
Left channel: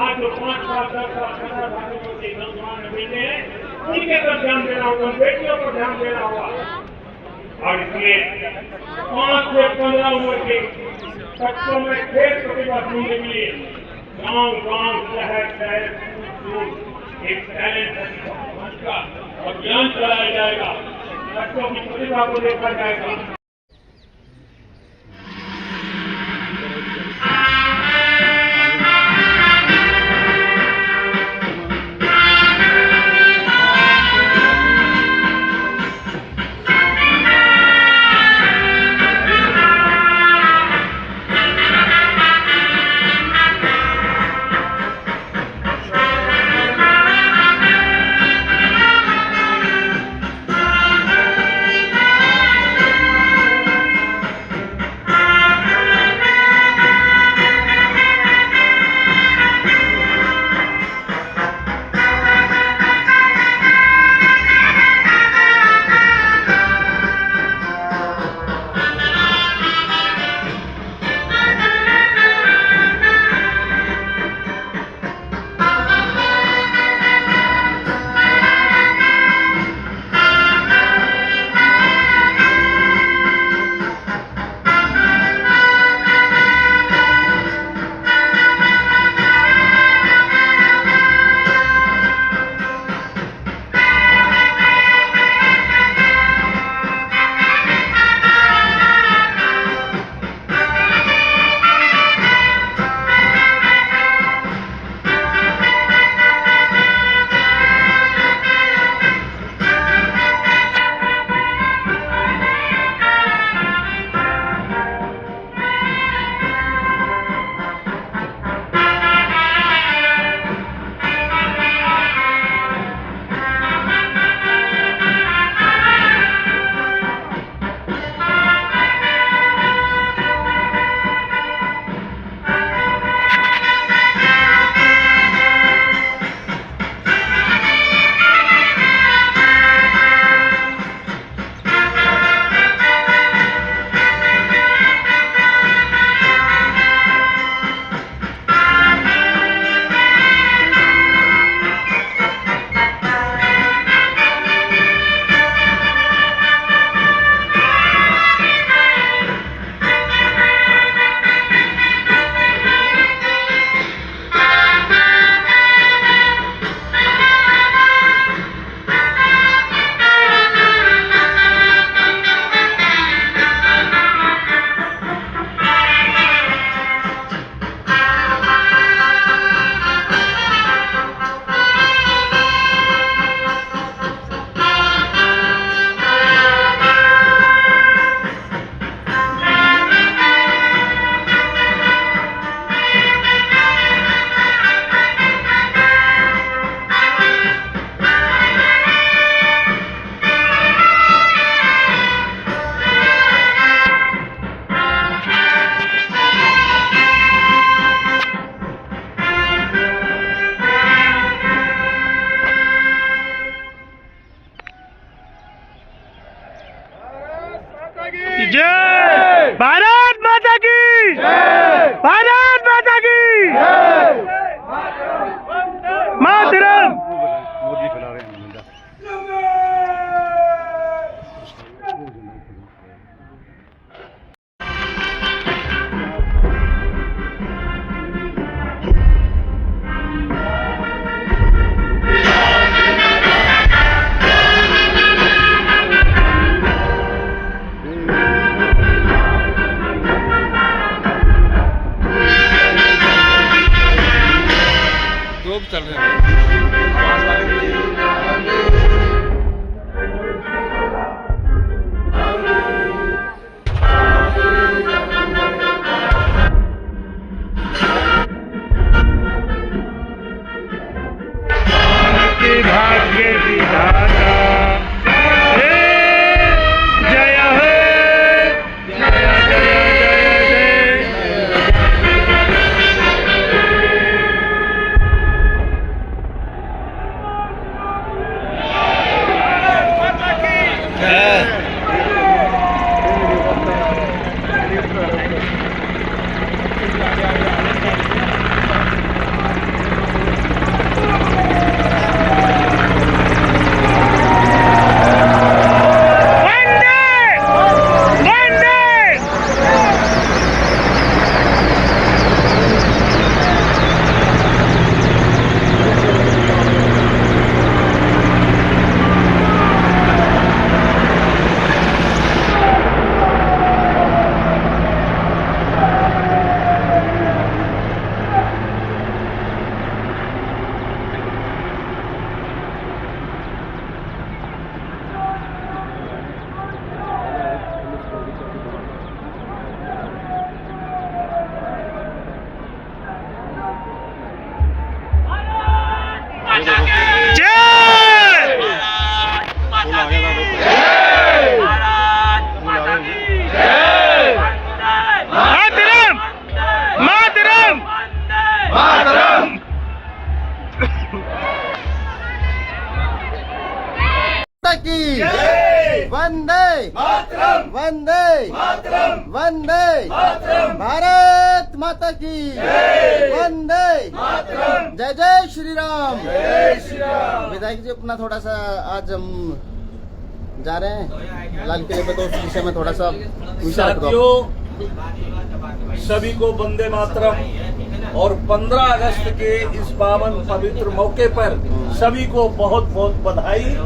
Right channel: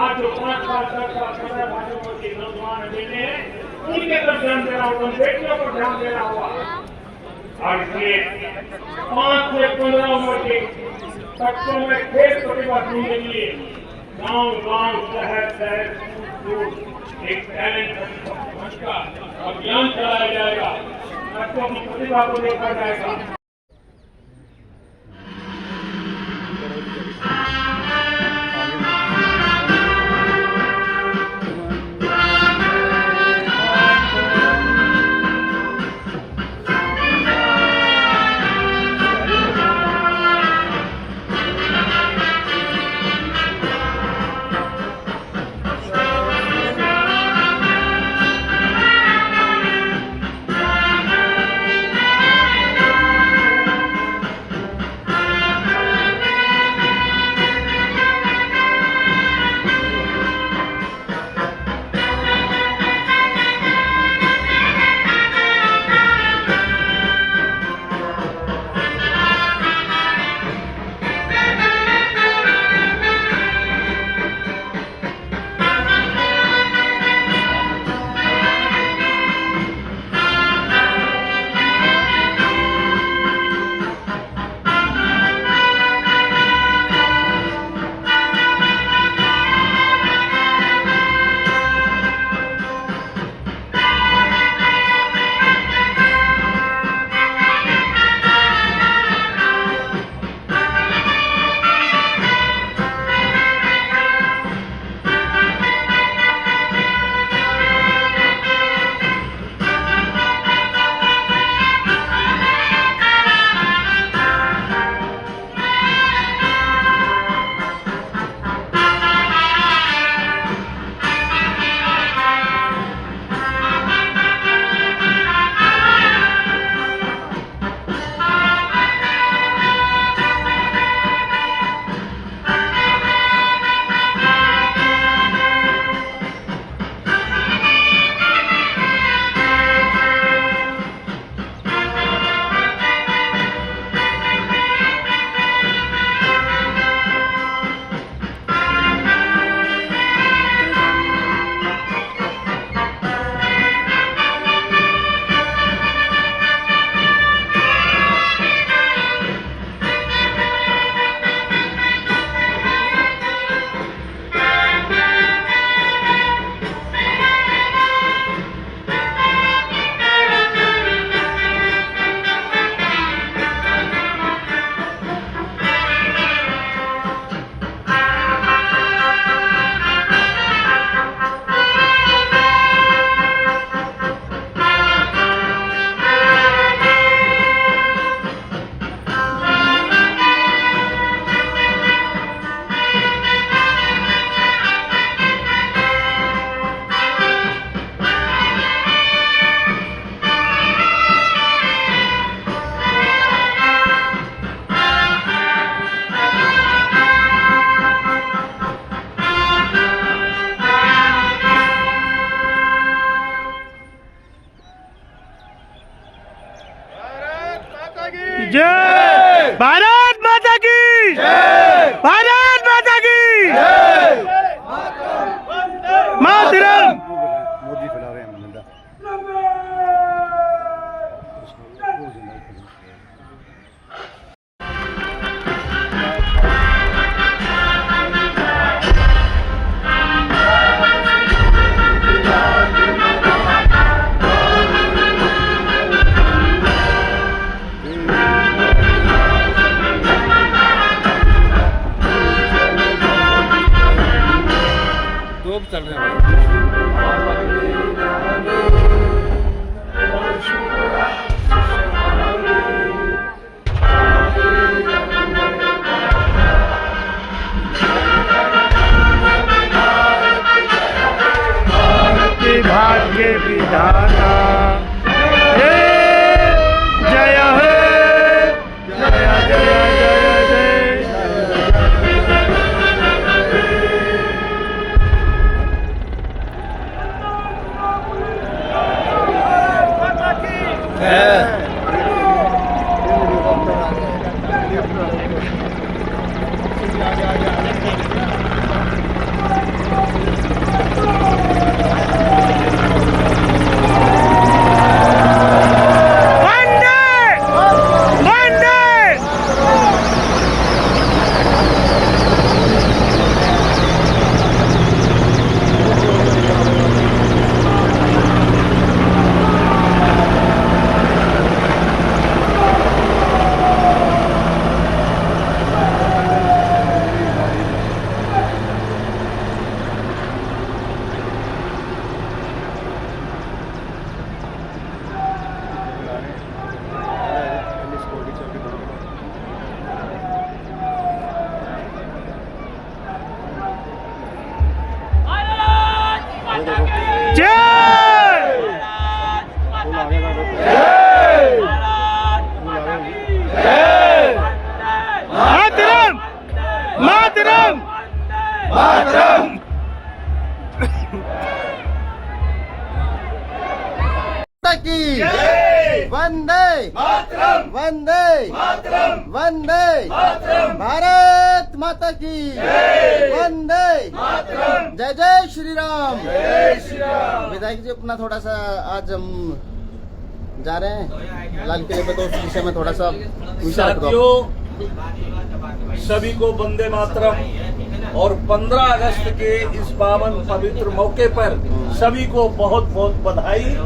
आज जो 5 साल 10 साल 15 सालों के नौजवान बेटे हैं उनके तरफ ध्यान देना होगा, बेटियों पर ध्यान देना होगा। और इसलिए 5 से 15 उम्र के बच्चों में खेल प्रतिभा ढूंढने के लिए गांव-गांव, शहर-शहर, स्कूल एक टैलेंट का अभियान चलाया जाएगा। बच्चों की प्रतिभा को देखा जाएगा। भारत माता की भारत माता की मातरम। मोदी फैला रहे हैं मुद्दा। तोप चल रहे हैं। के भाग्य विधाता हे जय हे जय जय जय जय। मातरम मातरम मातरम। की वंदे वंदे वंदे भारत माता की वंदे जय जय श्री राम। विधायक जी अपना थोड़ा सा आज हम जा रहे हैं लाल किले पे, तो उस विषय में थोड़ा सा विचार करो। साथियों, सभी को वंदे मातरम और 15 अगस्त के इस पावन पवित्र मौके पर सभी को बहुत बहुत बधाई।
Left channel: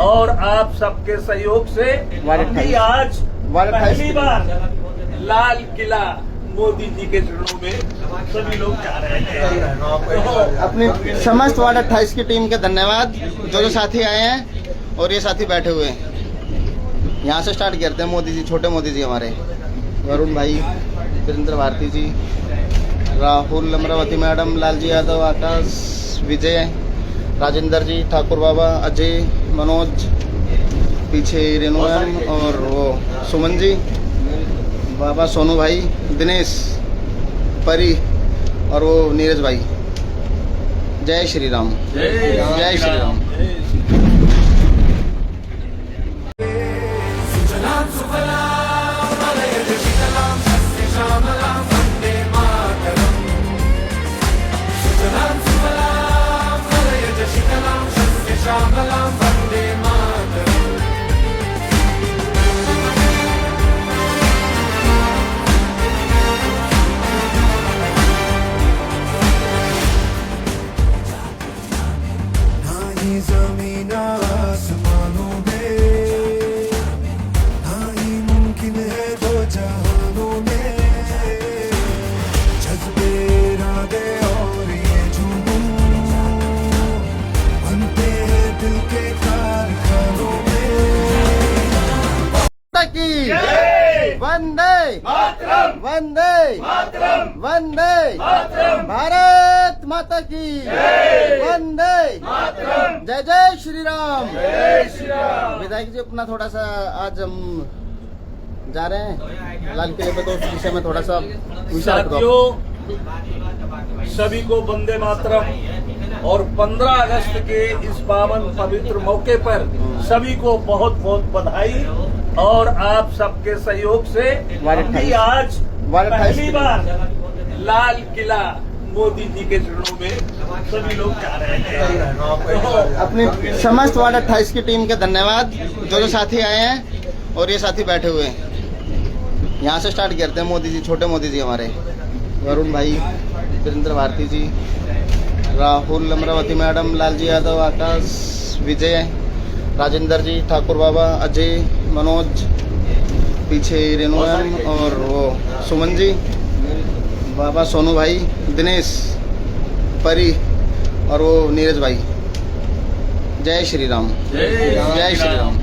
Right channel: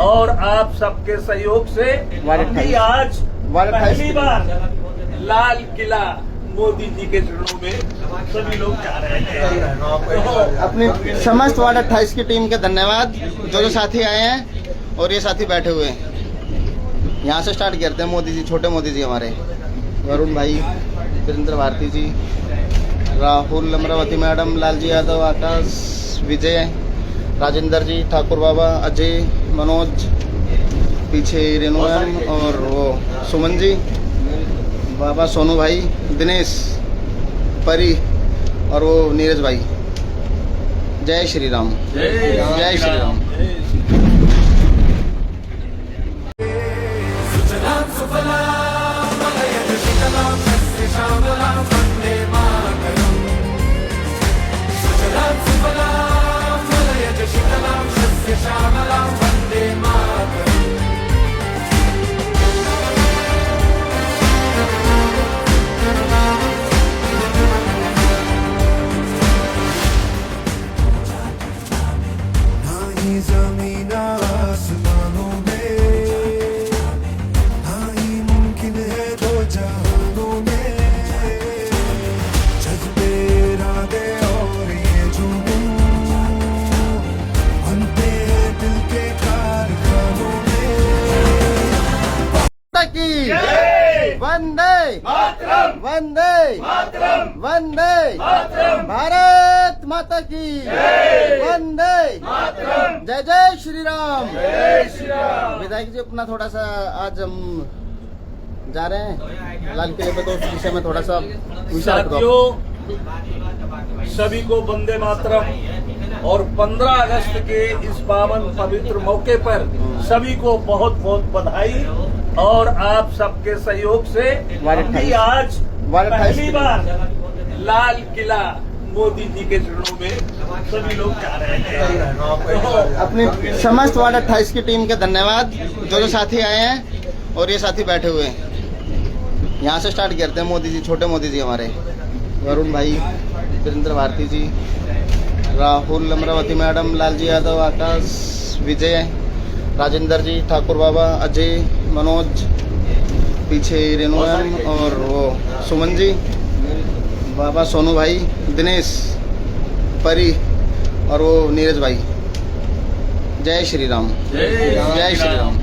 और आप सबके सहयोग से भी आज पहली बार लाल किला मोदी जी के चरणों में सभी लोग जा रहे हैं। अपनी समस्त वार्ड 28 की टीम के धन्यवाद, जो साथी आए हैं और ये साथी बैठे हुए हैं। यहाँ से स्टार्ट करते हैं। मोदी जी, छोटे मोदी जी हमारे, वरुण भाई, वीरेंद्र भारती जी, राहुल अमरावती मैडम, लालजी यादव, आकाश, विजय, राजेंद्र जी, ठाकुर बाबा, अजय, मनोज, पीछे रेणु मैम और वो सुमन जी, बाबा सोनू भाई, दिनेश, परी और वो नीरज भाई। जय श्री राम, जय श्री राम। ज़मीन आसमानों में ना ही मुमकिन है दो जहानों में, जज्बे इरादे और ये जुनून बनते हैं दिल के कारखानों में। की वंदे वंदे वंदे भारत माता की वंदे जय जय श्री राम। विधायक जी अपना थोड़ा सा आज हम जा रहे हैं लाल किले पे, तो उस विषय में थोड़ा सा विचार करो। साथियों, सभी को वंदे मातरम और 15 अगस्त के इस पावन पवित्र मौके पर सभी को बहुत बहुत बधाई। और आप सबके सहयोग से हम भी आज पहली बार लाल किला मोदी जी के चरणों में सभी लोग जा रहे हैं। अपनी समस्त वार्ड 28 की टीम के धन्यवाद, जो साथी आए हैं और ये साथी बैठे हुए हैं। यहाँ से स्टार्ट करते हैं। मोदी जी, छोटे मोदी जी हमारे, वरुण भाई, वीरेंद्र भारती जी, राहुल, अमरावती मैडम, लालजी यादव, आकाश, विजय, राजेंद्र जी, ठाकुर बाबा, अजय, मनोज, पीछे रेणु मैम और वो सुमन जी, बाबा सोनू भाई, दिनेश, परी और वो नीरज भाई। जय श्री राम। जय श्री राम।